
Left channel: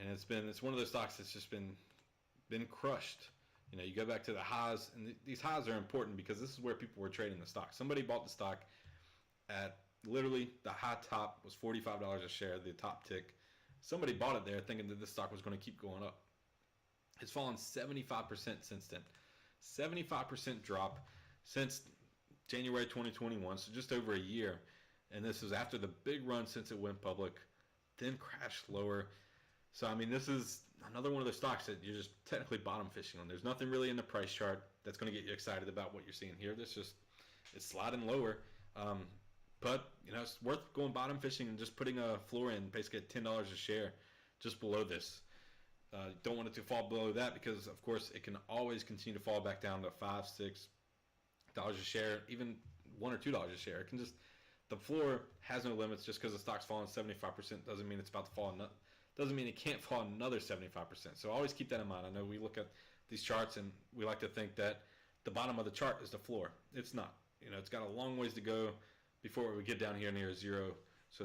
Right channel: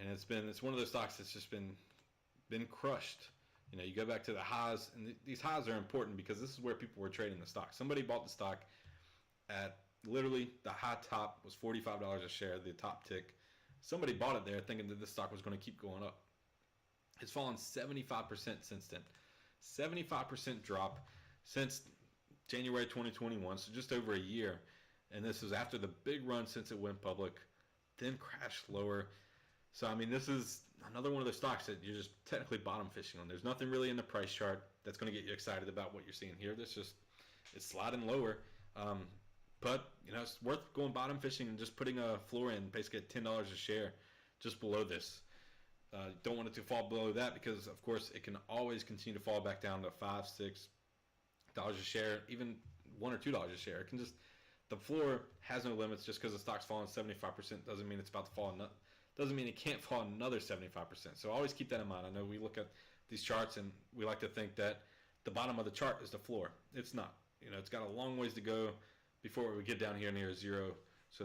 And it's one of those stocks that's just been crushed. You know, you go back to the highs, and these highs are important because this is where people were trading the stock. Somebody bought the stock at literally the high top was $45 a share, the top tick. Somebody bought it there thinking that this stock was going to keep going up. It's fallen 75% since then. 75% drop since January 2021, so just over a year. And this was after the big run since it went public, then crashed lower. So, I mean, this is another one of the stocks that you're just technically bottom fishing on. There's nothing really in the price chart that's going to get you excited about what you're seeing here. It's sliding lower. But, you know, it's worth going bottom fishing and just putting a floor in, basically at $10 a share, just below this. Don't want it to fall below that because, of course, it can always continue to fall back down to $5, $6 a share, even $1 or $2 a share. It can just, the floor has no limits. Just because the stock's falling 75% doesn't mean it's about to fall. Doesn't mean it can't fall another 75%. So always keep that in mind. I know we look at these charts and we like to think that the bottom of the chart is the floor. It's not. You know, it's got a long ways to go before we get down here near zero. So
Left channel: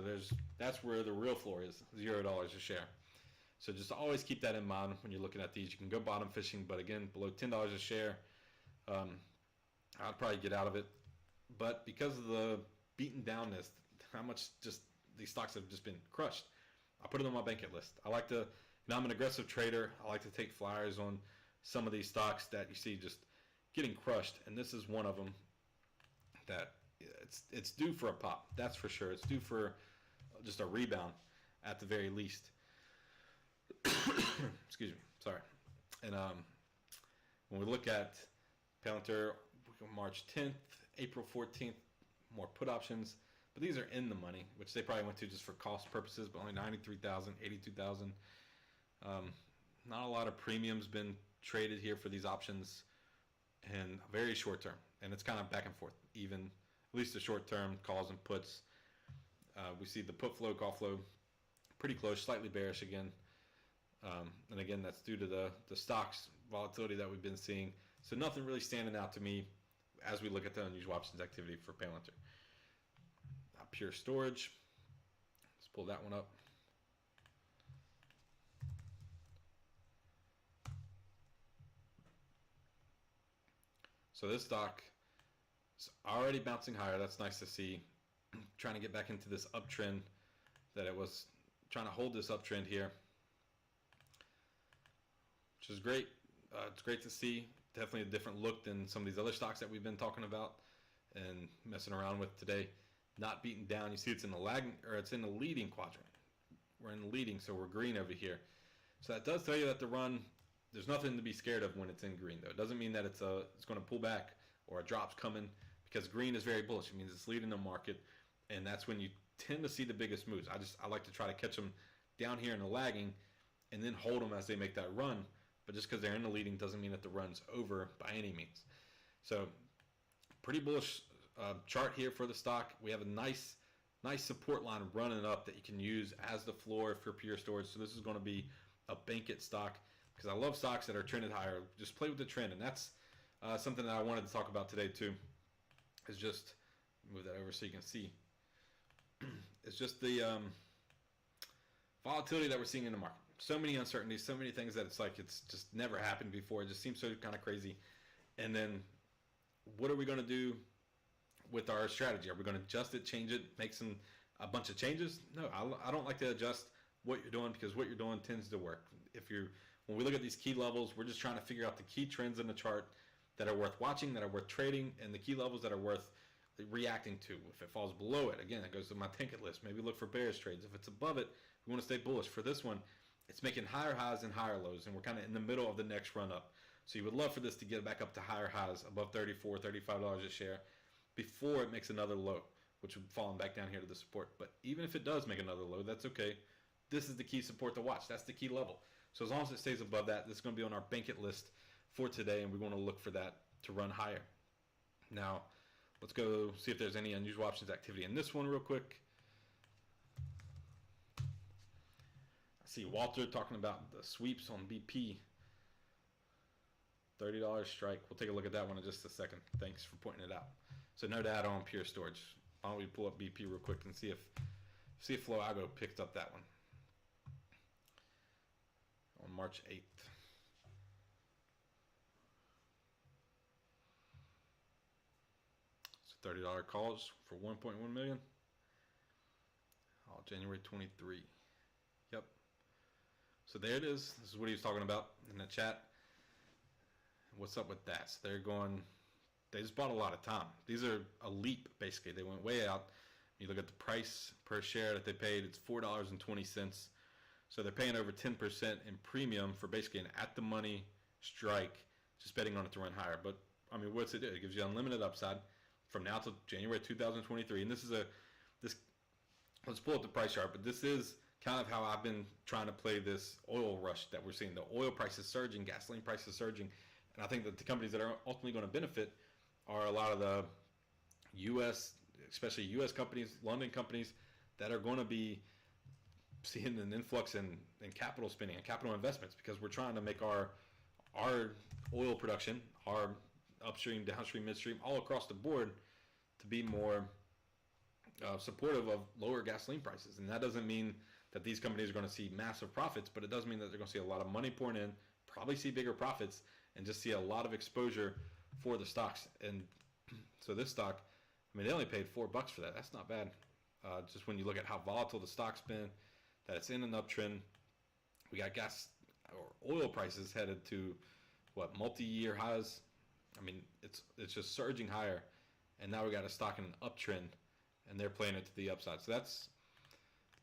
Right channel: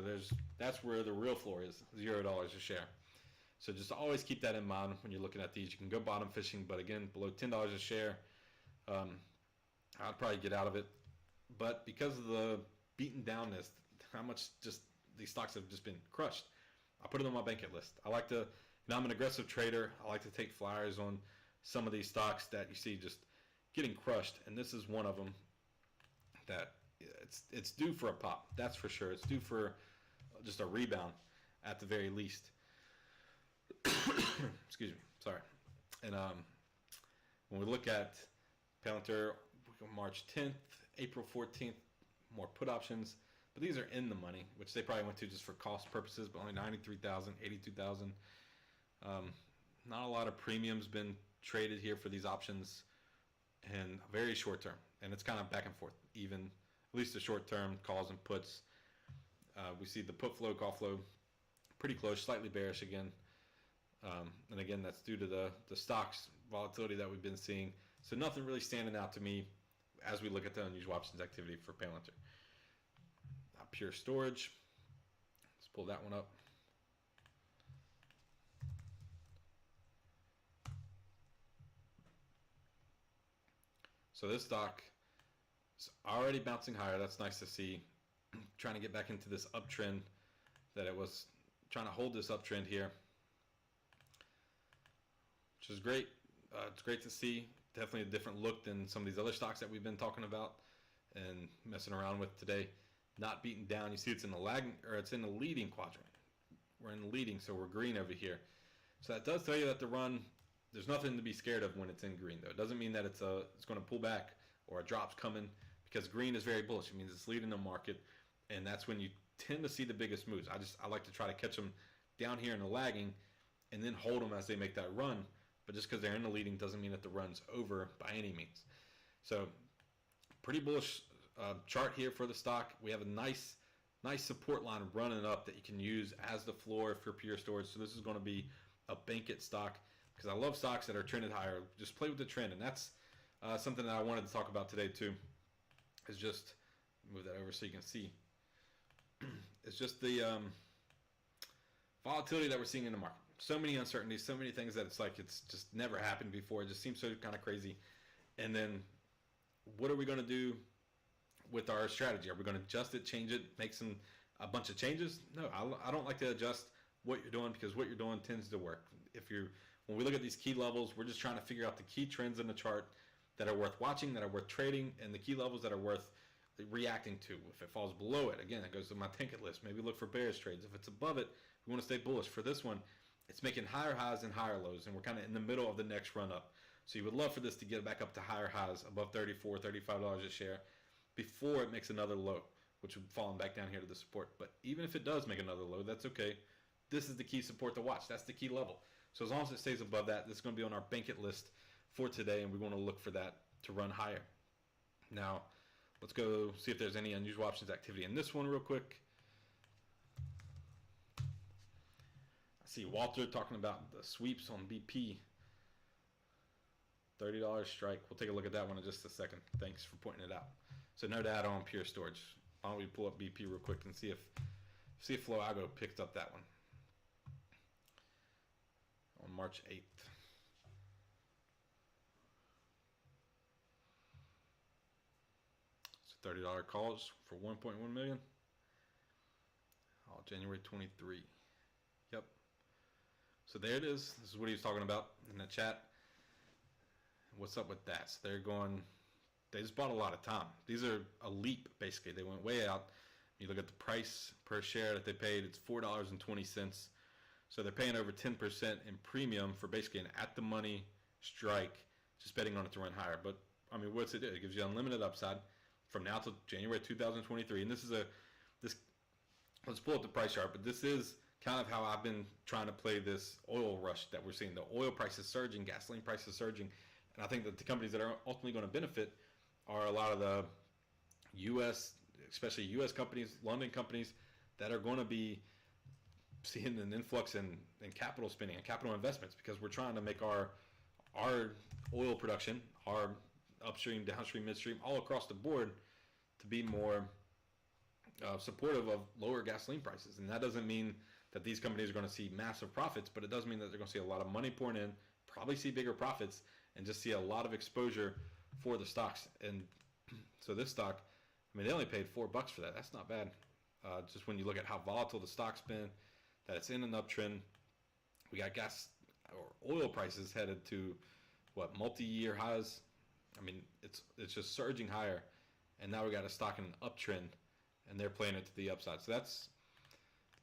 that's where the real floor is, $0 a share. So just always keep that in mind when you're looking at these. You can go bottom fishing, but again, below $10 a share, I'd probably get out of it. But because of the beaten downness, how much just these stocks have just been crushed, I put it on my bank list. I like to, you know, I'm an aggressive trader. I like to take flyers on some of these stocks that you see just getting crushed, and this is one of them that it's due for a pop. That's for sure. It's due for just a rebound at the very least. Excuse me. Sorry. And when we look at Palantir, March 10th, April 14th, more put options. But these are in the money, which they probably went to just for cost purposes, but only 93,000, 82,000. Not a lot of premiums been traded here for these options, and very short term. And it's kind of back and forth, even at least the short term calls and puts. We see the put flow, call flow, pretty close, slightly bearish again. And again, that's due to the stocks volatility that we've been seeing. So nothing really standing out to me as we look at the unusual options activity for Palantir. Pure storage. Let's pull that one up. So this stock is already bouncing higher. That's nice to see. Trying to get back into this uptrend that it was trying to hold this uptrend here, which is great. It's great to see. Definitely a different look than some of these other stocks that we've been talking about and messing around with today. Not beaten down. You see it's in the lagging, or it's in the leading quadrant. We're in the leading, so we're green over here. So that does tell you that the run, there's nothing to be scared of when it's in green, though. It doesn't mean that it's going to pull back or a drop's coming, because green is very bullish. It means it's leading the market, and that's when you tend to see the biggest moves. I like to try to catch them down here in the lagging and then hold them as they make that run. But just because they're in the leading doesn't mean that the run's over by any means. So pretty bullish chart here for the stock. We have a nice support line running up that you can use as the floor for pure storage. So this is going to be a bank it stock, because I love stocks that are trended higher. Just play with the trend, and that's something that I wanted to talk about today too. Is just move that over so you can see. It's just the volatility that we're seeing in the market. So many uncertainties, so many things that it's like it's just never happened before. It just seems so kind of crazy. And then what are we going to do with our strategy? Are we going to adjust it, change it, make a bunch of changes? No, I don't like to adjust what you're doing, because what you're doing tends to work. When we look at these key levels, we're just trying to figure out the key trends in the chart that are worth watching, that are worth trading, and the key levels that are worth reacting to. If it falls below it, again, it goes to my ticket list. Maybe look for bearish trades. If it's above it, we want to stay bullish. For this one, it's making higher highs and higher lows, and we're kind of in the middle of the next run up. So you would love for this to get back up to higher highs above $34, $35 a share before it makes another low, which would fall back down here to the support. But even if it does make another low, that's okay. This is the key support to watch. That's the key level. So as long as it stays above that, this is going to be on our bank-it list for today, and we're going to look for that to run higher. Now, let's go see if there's any unusual options activity in this one real quick. I see Walter talking about the sweeps on BP. $30 strike. We'll take a look at that one in just a second. Thanks for pointing it out. So no data on Pure Storage. Why don't we pull up BP real quick and see if Floago picked up that one on March 8th. So $30 calls for 1.1 million. Oh, January 23. Yep. So there it is. This is what he was talking about in the chat. What's up with that? So they just bought a lot of time. These are a leap, basically. They went way out. You look at the price per share that they paid, it's $4.20. So they're paying over 10% in premium for basically an at-the-money strike, just betting on it to run higher. But, I mean, what's it do? It gives you unlimited upside from now till January 2023. And let's pull up the price chart, but this is kind of how I've been trying to play this oil rush that we're seeing. The oil prices surging, gasoline prices surging. And I think that the companies that are ultimately going to benefit are a lot of the U.S., especially U.S. companies, London companies, that are going to be seeing an influx in capital spending and capital investments, because we're trying to make our oil production, our upstream, downstream, midstream, all across the board to be more supportive of lower gasoline prices. And that doesn't mean that these companies are going to see massive profits, but it does mean that they're going to see a lot of money pouring in, probably see bigger profits, and just see a lot of exposure for the stocks. And so this stock, I mean, they only paid $4 for that. That's not bad. Just when you look at how volatile the stock's been, that it's in an uptrend. We got gas or oil prices headed to multi-year highs. I mean, it's just surging higher, and now we got a stock in an uptrend, and they're playing it to the upside. So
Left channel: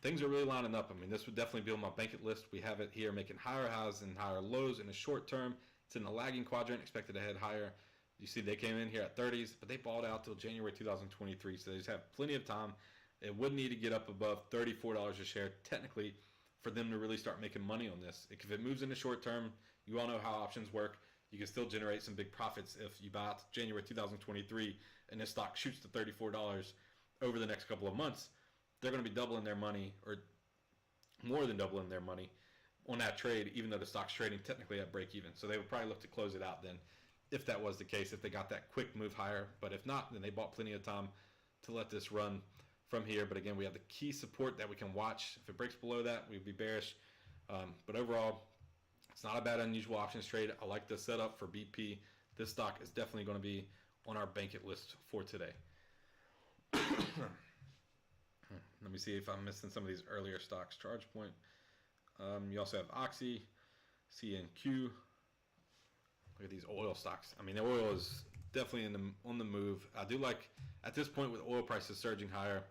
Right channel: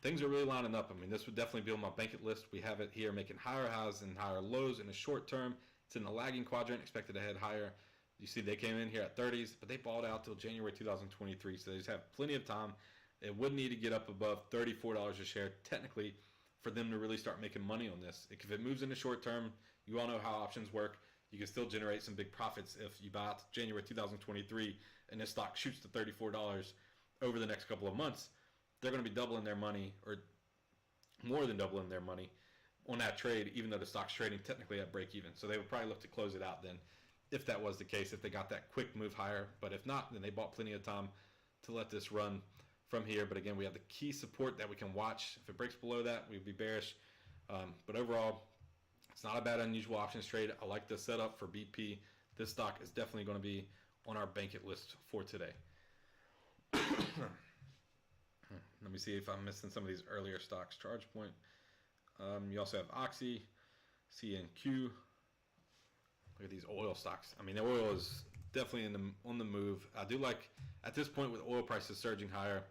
things are really lining up. I mean, this would definitely be on my bank-it list. We have it here making higher highs and higher lows in the short term. It's in the lagging quadrant, expected to head higher. You see they came in here at 30s, but they balled out till January 2023, so they just have plenty of time. They would need to get up above $34 a share, technically, for them to really start making money on this. If it moves in the short term, you all know how options work. You can still generate some big profits if you buy out January 2023 and this stock shoots to $34 over the next couple of months. They're going to be doubling their money, or more than doubling their money, on that trade, even though the stock's trading technically at break even. So they would probably look to close it out then, if that was the case, if they got that quick move higher. But if not, then they bought plenty of time to let this run from here. But again, we have the key support that we can watch. If it breaks below that, we'd be bearish. But overall, it's not a bad unusual options trade. I like the setup for BP. This stock is definitely going to be on our bank-it list for today. Let me see if I'm missing some of these earlier stocks. ChargePoint. You also have Oxy, CNQ. Look at these oil stocks. I mean, the oil is definitely on the move. I do like, at this point with oil prices surging higher,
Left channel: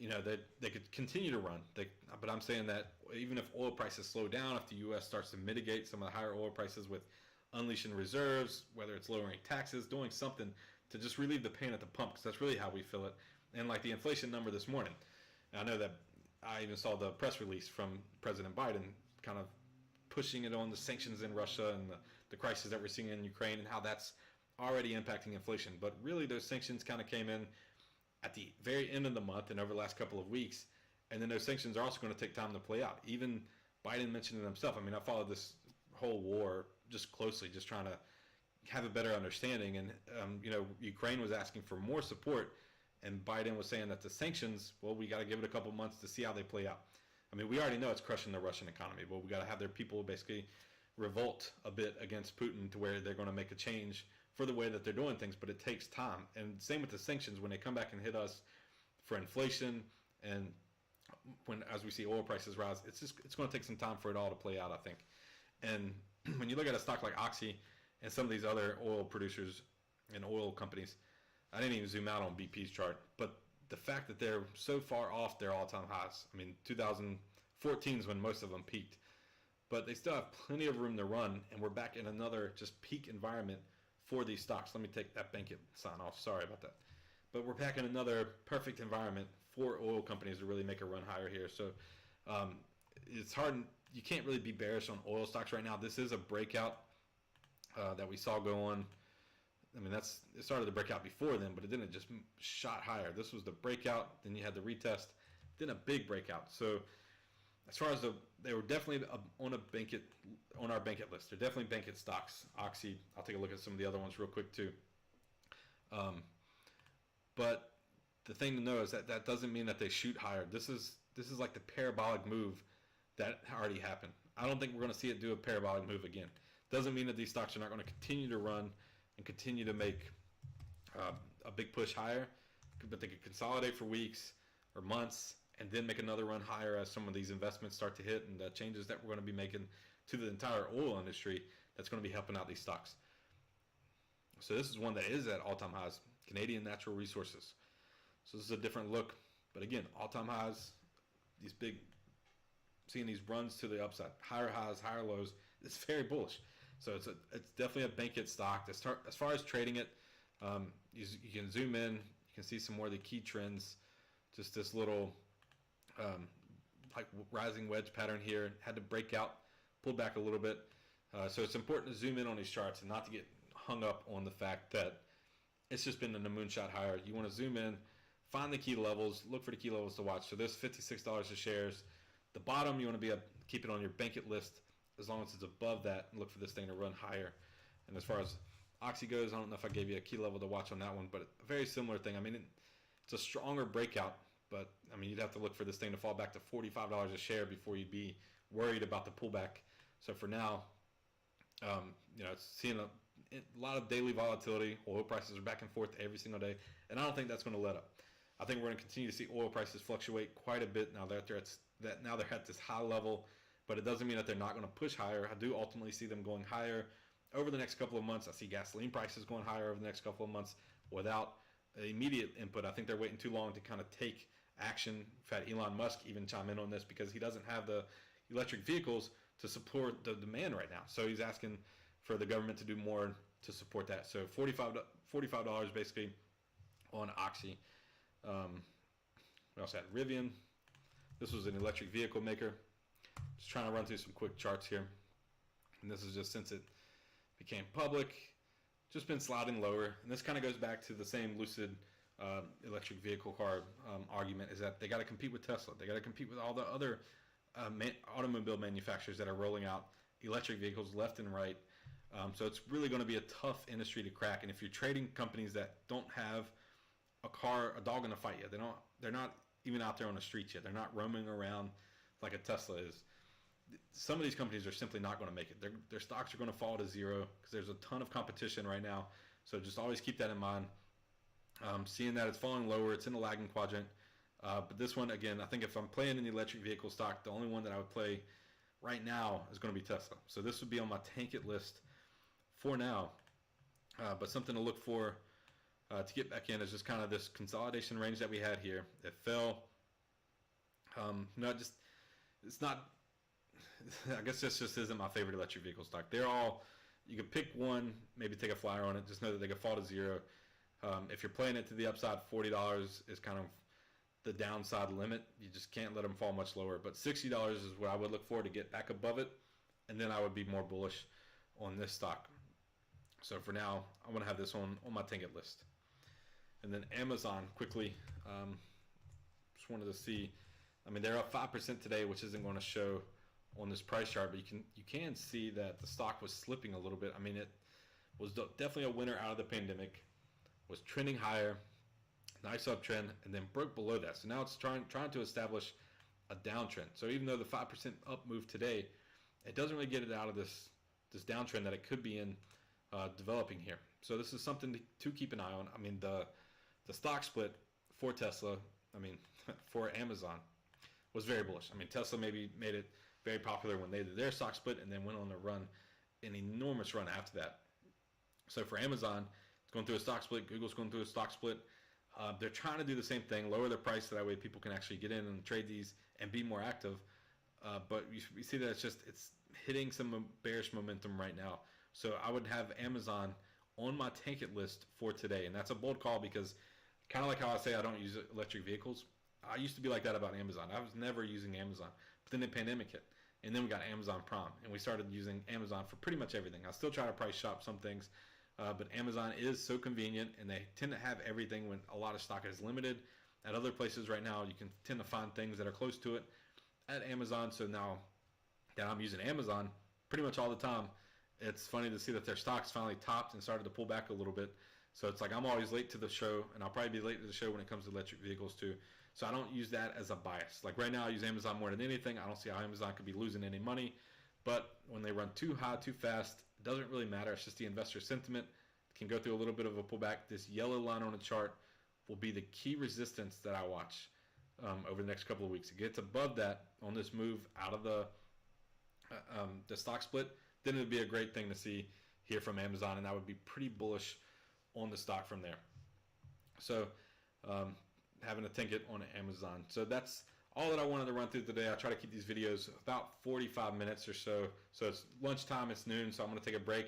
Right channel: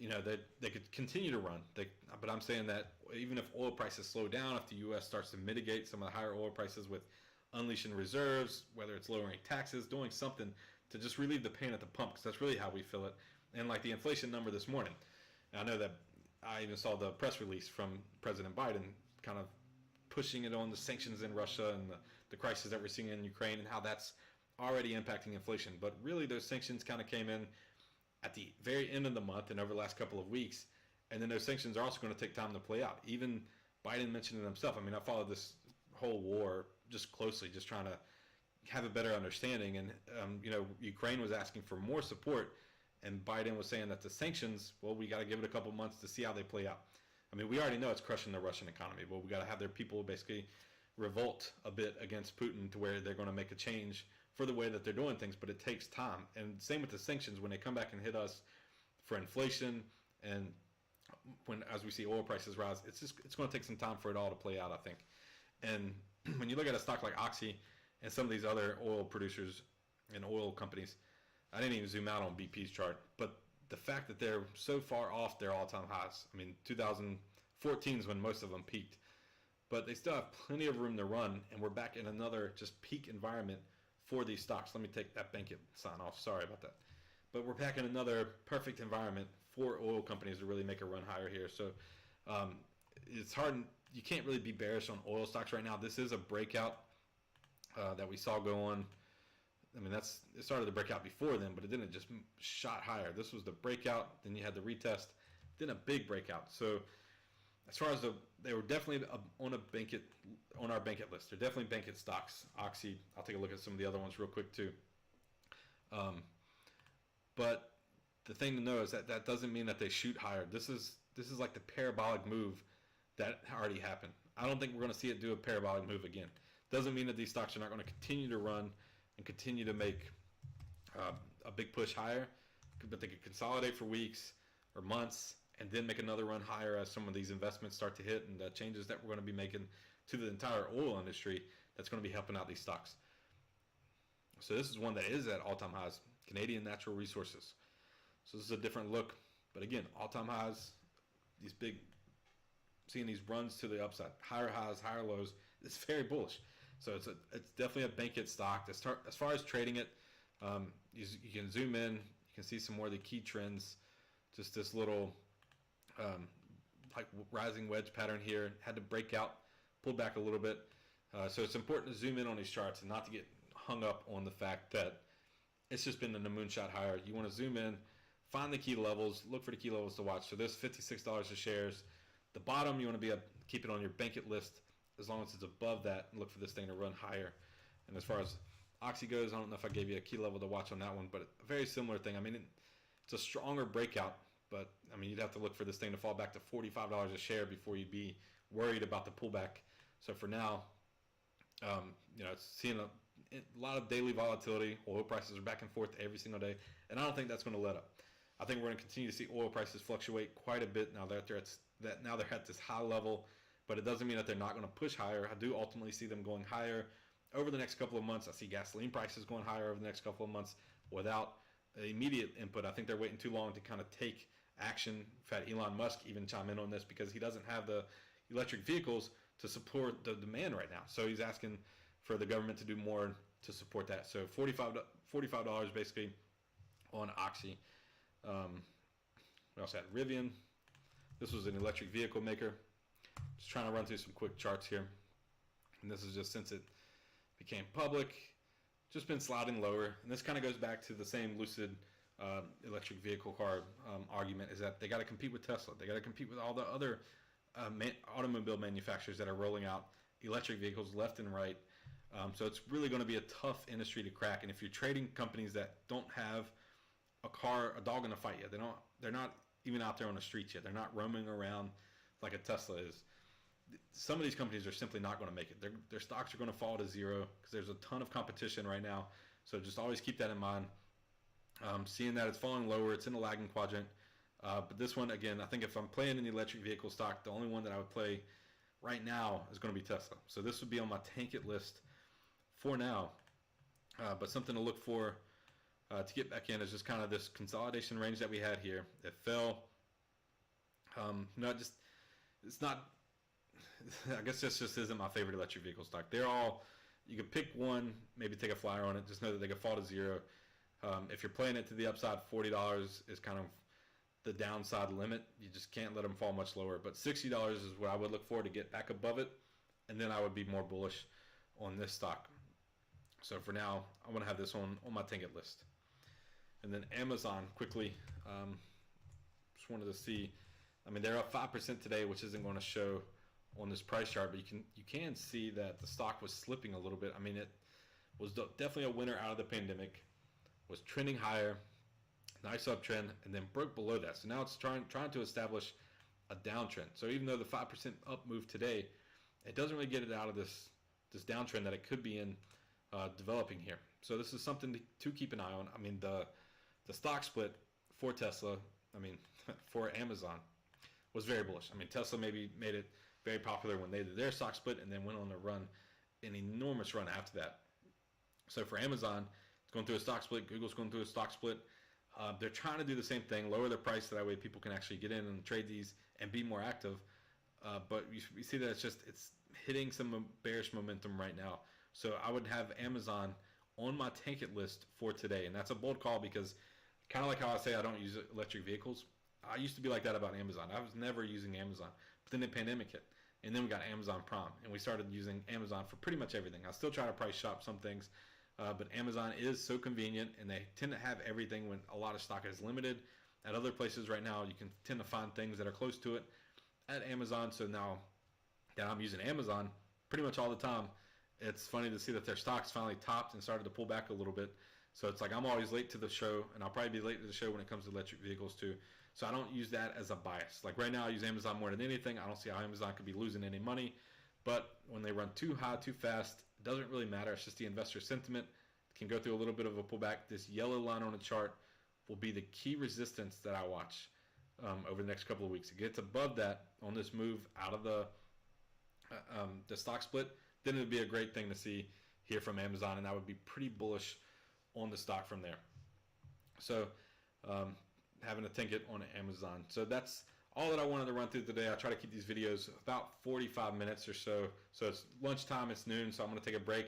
they could continue to run. But I'm saying that even if oil prices slow down, if the U.S. starts to mitigate some of the higher oil prices with unleashing reserves, whether it's lowering taxes, doing something to just relieve the pain at the pump, because that's really how we feel it. And like the inflation number this morning, I know that I even saw the press release from President Biden kind of pushing it on the sanctions in Russia and the crisis that we're seeing in Ukraine and how that's already impacting inflation. But really, those sanctions kind of came in at the very end of the month and over the last couple of weeks. And then those sanctions are also going to take time to play out. Even Biden mentioned it himself. I mean, I followed this whole war just closely, just trying to have a better understanding. And, Ukraine was asking for more support. And Biden was saying that the sanctions, well, we got to give it a couple months to see how they play out. I mean, we already know it's crushing the Russian economy, but we got to have their people basically revolt a bit against Putin to where they're going to make a change for the way that they're doing things, but it takes time. And same with the sanctions, when they come back and hit us for inflation and as we see oil prices rise, it's going to take some time for it all to play out, I think. And when you look at a stock like Oxy and some of these other oil producers and oil companies, I didn't even zoom out on BP's chart, but the fact that they're so far off their all-time highs. I mean, 2014 is when most of them peaked, but they still have plenty of room to run, and we're back in another just peak environment for these stocks. Let me take that Bankit sign off. Sorry about that. But we're back in another perfect environment for oil companies to really make a run higher here. So it's hard. You can't really be bearish on oil stocks right now. This is a breakout that we saw go on. I mean, it started to break out before then, but it didn't just shot higher. This was the breakout. Then you had the retest. Then a big breakout. So as far as they were definitely on our Bankit list. They're definitely Bankit stocks. Oxy. I'll take a look at some of the other ones real quick too. But the thing to know is that doesn't mean that they shoot higher. This is like the parabolic move that already happened. I don't think we're going to see it do a parabolic move again. Doesn't mean that these stocks are not going to continue to run and continue to make a big push higher, but they could consolidate for weeks or months and then make another run higher as some of these investments start to hit and the changes that we're going to be making to the entire oil industry that's going to be helping out these stocks. So this is one that is at all-time highs, Canadian Natural Resources. So this is a different look, but again, all-time highs, these big, seeing these runs to the upside, higher highs, higher lows, it's very bullish. So it's definitely a Bankit stock. As far as trading it, you can zoom in, you can see some more of the key trends. Just this little like rising wedge pattern here, had to break out, pull back a little bit. So it's important to zoom in on these charts and not to get hung up on the fact that it's just been in a moonshot higher. You want to zoom in, find the key levels, look for the key levels to watch. So this $56 a shares. The bottom, you want to keep it on your Bankit list as long as it's above that, and look for this thing to run higher. And as far as Oxy goes, I don't know if I gave you a key level to watch on that one, but a very similar thing. I mean, it's a stronger breakout, but I mean, you'd have to look for this thing to fall back to $45 a share before you'd be worried about the pullback. So for now, it's seeing a lot of daily volatility. Oil prices are back and forth every single day, and I don't think that's going to let up. I think we're going to continue to see oil prices fluctuate quite a bit now that they're at this high level, but it doesn't mean that they're not going to push higher. I do ultimately see them going higher over the next couple of months. I see gasoline prices going higher over the next couple of months without immediate input. I think they're waiting too long to kind of take action. In fact, Elon Musk even chime in on this because he doesn't have the electric vehicles to support the demand right now. So he's asking for the government to do more to support that. So $45 basically on Oxy. We also had Rivian. This was an electric vehicle maker. Just trying to run through some quick charts here. And this is just since it became public, just been sliding lower. And this kind of goes back to the same Lucid electric vehicle car argument, is that they got to compete with Tesla. They got to compete with all the other automobile manufacturers that are rolling out electric vehicles left and right. So it's really going to be a tough industry to crack. And if you're trading companies that don't have a dog in the fight yet, they're not even out there on the streets yet. They're not roaming around like a Tesla is. Some of these companies are simply not going to make it. Their stocks are going to fall to zero because there's a ton of competition right now. So just always keep that in mind. Seeing that it's falling lower, it's in a lagging quadrant. But this one, again, I think if I'm playing an electric vehicle stock, the only one that I would play right now is going to be Tesla. So this would be on my Tankit list for now. But something to look for to get back in is just kind of this consolidation range that we had here. It fell. It's not. I guess this just isn't my favorite electric vehicle stock. They're all, you could pick one, maybe take a flyer on it. Just know that they could fall to zero. If you're playing it to the upside, $40 is kind of the downside limit. You just can't let them fall much lower. But $60 is where I would look for to get back above it, and then I would be more bullish on this stock. So for now, I want to have this on my Tankit list. And then Amazon, quickly, just wanted to see. I mean, they're up 5% today, which isn't going to show on this price chart, but you can see that the stock was slipping a little bit. I mean, it was definitely a winner out of the pandemic, was trending higher, nice uptrend, and then broke below that. So now it's trying to establish a downtrend. So even though the 5% up move today, it doesn't really get it out of this downtrend that it could be in developing here. So this is something to keep an eye on. I mean, the stock split for Tesla, for Amazon, was very bullish. I mean, Tesla maybe made it very popular when they did their stock split and then went on to run an enormous run after that. So for Amazon going through a stock split. Google's going through a stock split. They're trying to do the same thing, lower their price so that way people can actually get in and trade these and be more active. But you see that it's hitting some bearish momentum right now. So I would have Amazon on my tank it list for today, and that's a bold call because kind of like how I say I don't use electric vehicles. I used to be like that about Amazon. I was never using Amazon, but then the pandemic hit, and then we got Amazon Prime, and we started using Amazon for pretty much everything. I still try to price shop some things, but Amazon is so convenient, and they tend to have everything when a lot of stock is limited. At other places right now, you can tend to find things that are close to it at Amazon. So now that I'm using Amazon pretty much all the time, it's funny to see that their stocks finally topped and started to pull back a little bit. So it's like I'm always late to the show, and I'll probably be late to the show when it comes to electric vehicles too. So I don't use that as a bias. Like right now, I use Amazon more than anything. I don't see how Amazon could be losing any money. But when they run too high, too fast, it doesn't really matter. It's just the investor sentiment. It can go through a little bit of a pullback. This yellow line on the chart will be the key resistance that I watch over the next couple of weeks. It gets above that on this move out of the stock split, then it would be a great thing to see here from Amazon, and I would be pretty bullish on the stock from there. So having a ticket on Amazon. So that's all that I wanted to run through today. I try to keep these videos about 45 minutes or so. So it's lunchtime, it's noon, so I'm going to take a break.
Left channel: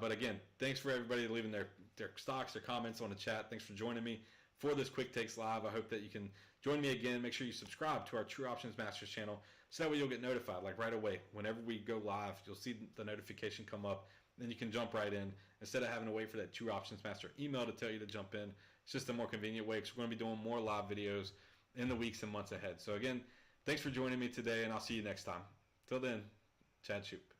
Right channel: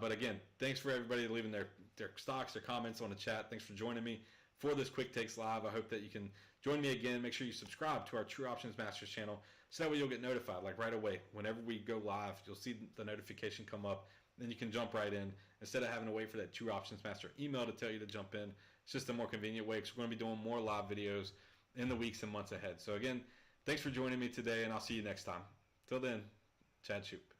But again, thanks for everybody leaving their stocks, their comments on the chat. Thanks for joining me for this Quick Takes Live. I hope that you can join me again. Make sure you subscribe to our True Options Masters channel so that way you'll get notified like right away. Whenever we go live, you'll see the notification come up. Then you can jump right in instead of having to wait for that True Options Master email to tell you to jump in. It's just a more convenient way because we're going to be doing more live videos in the weeks and months ahead. So again, thanks for joining me today, and I'll see you next time. Till then, Chad Shoop.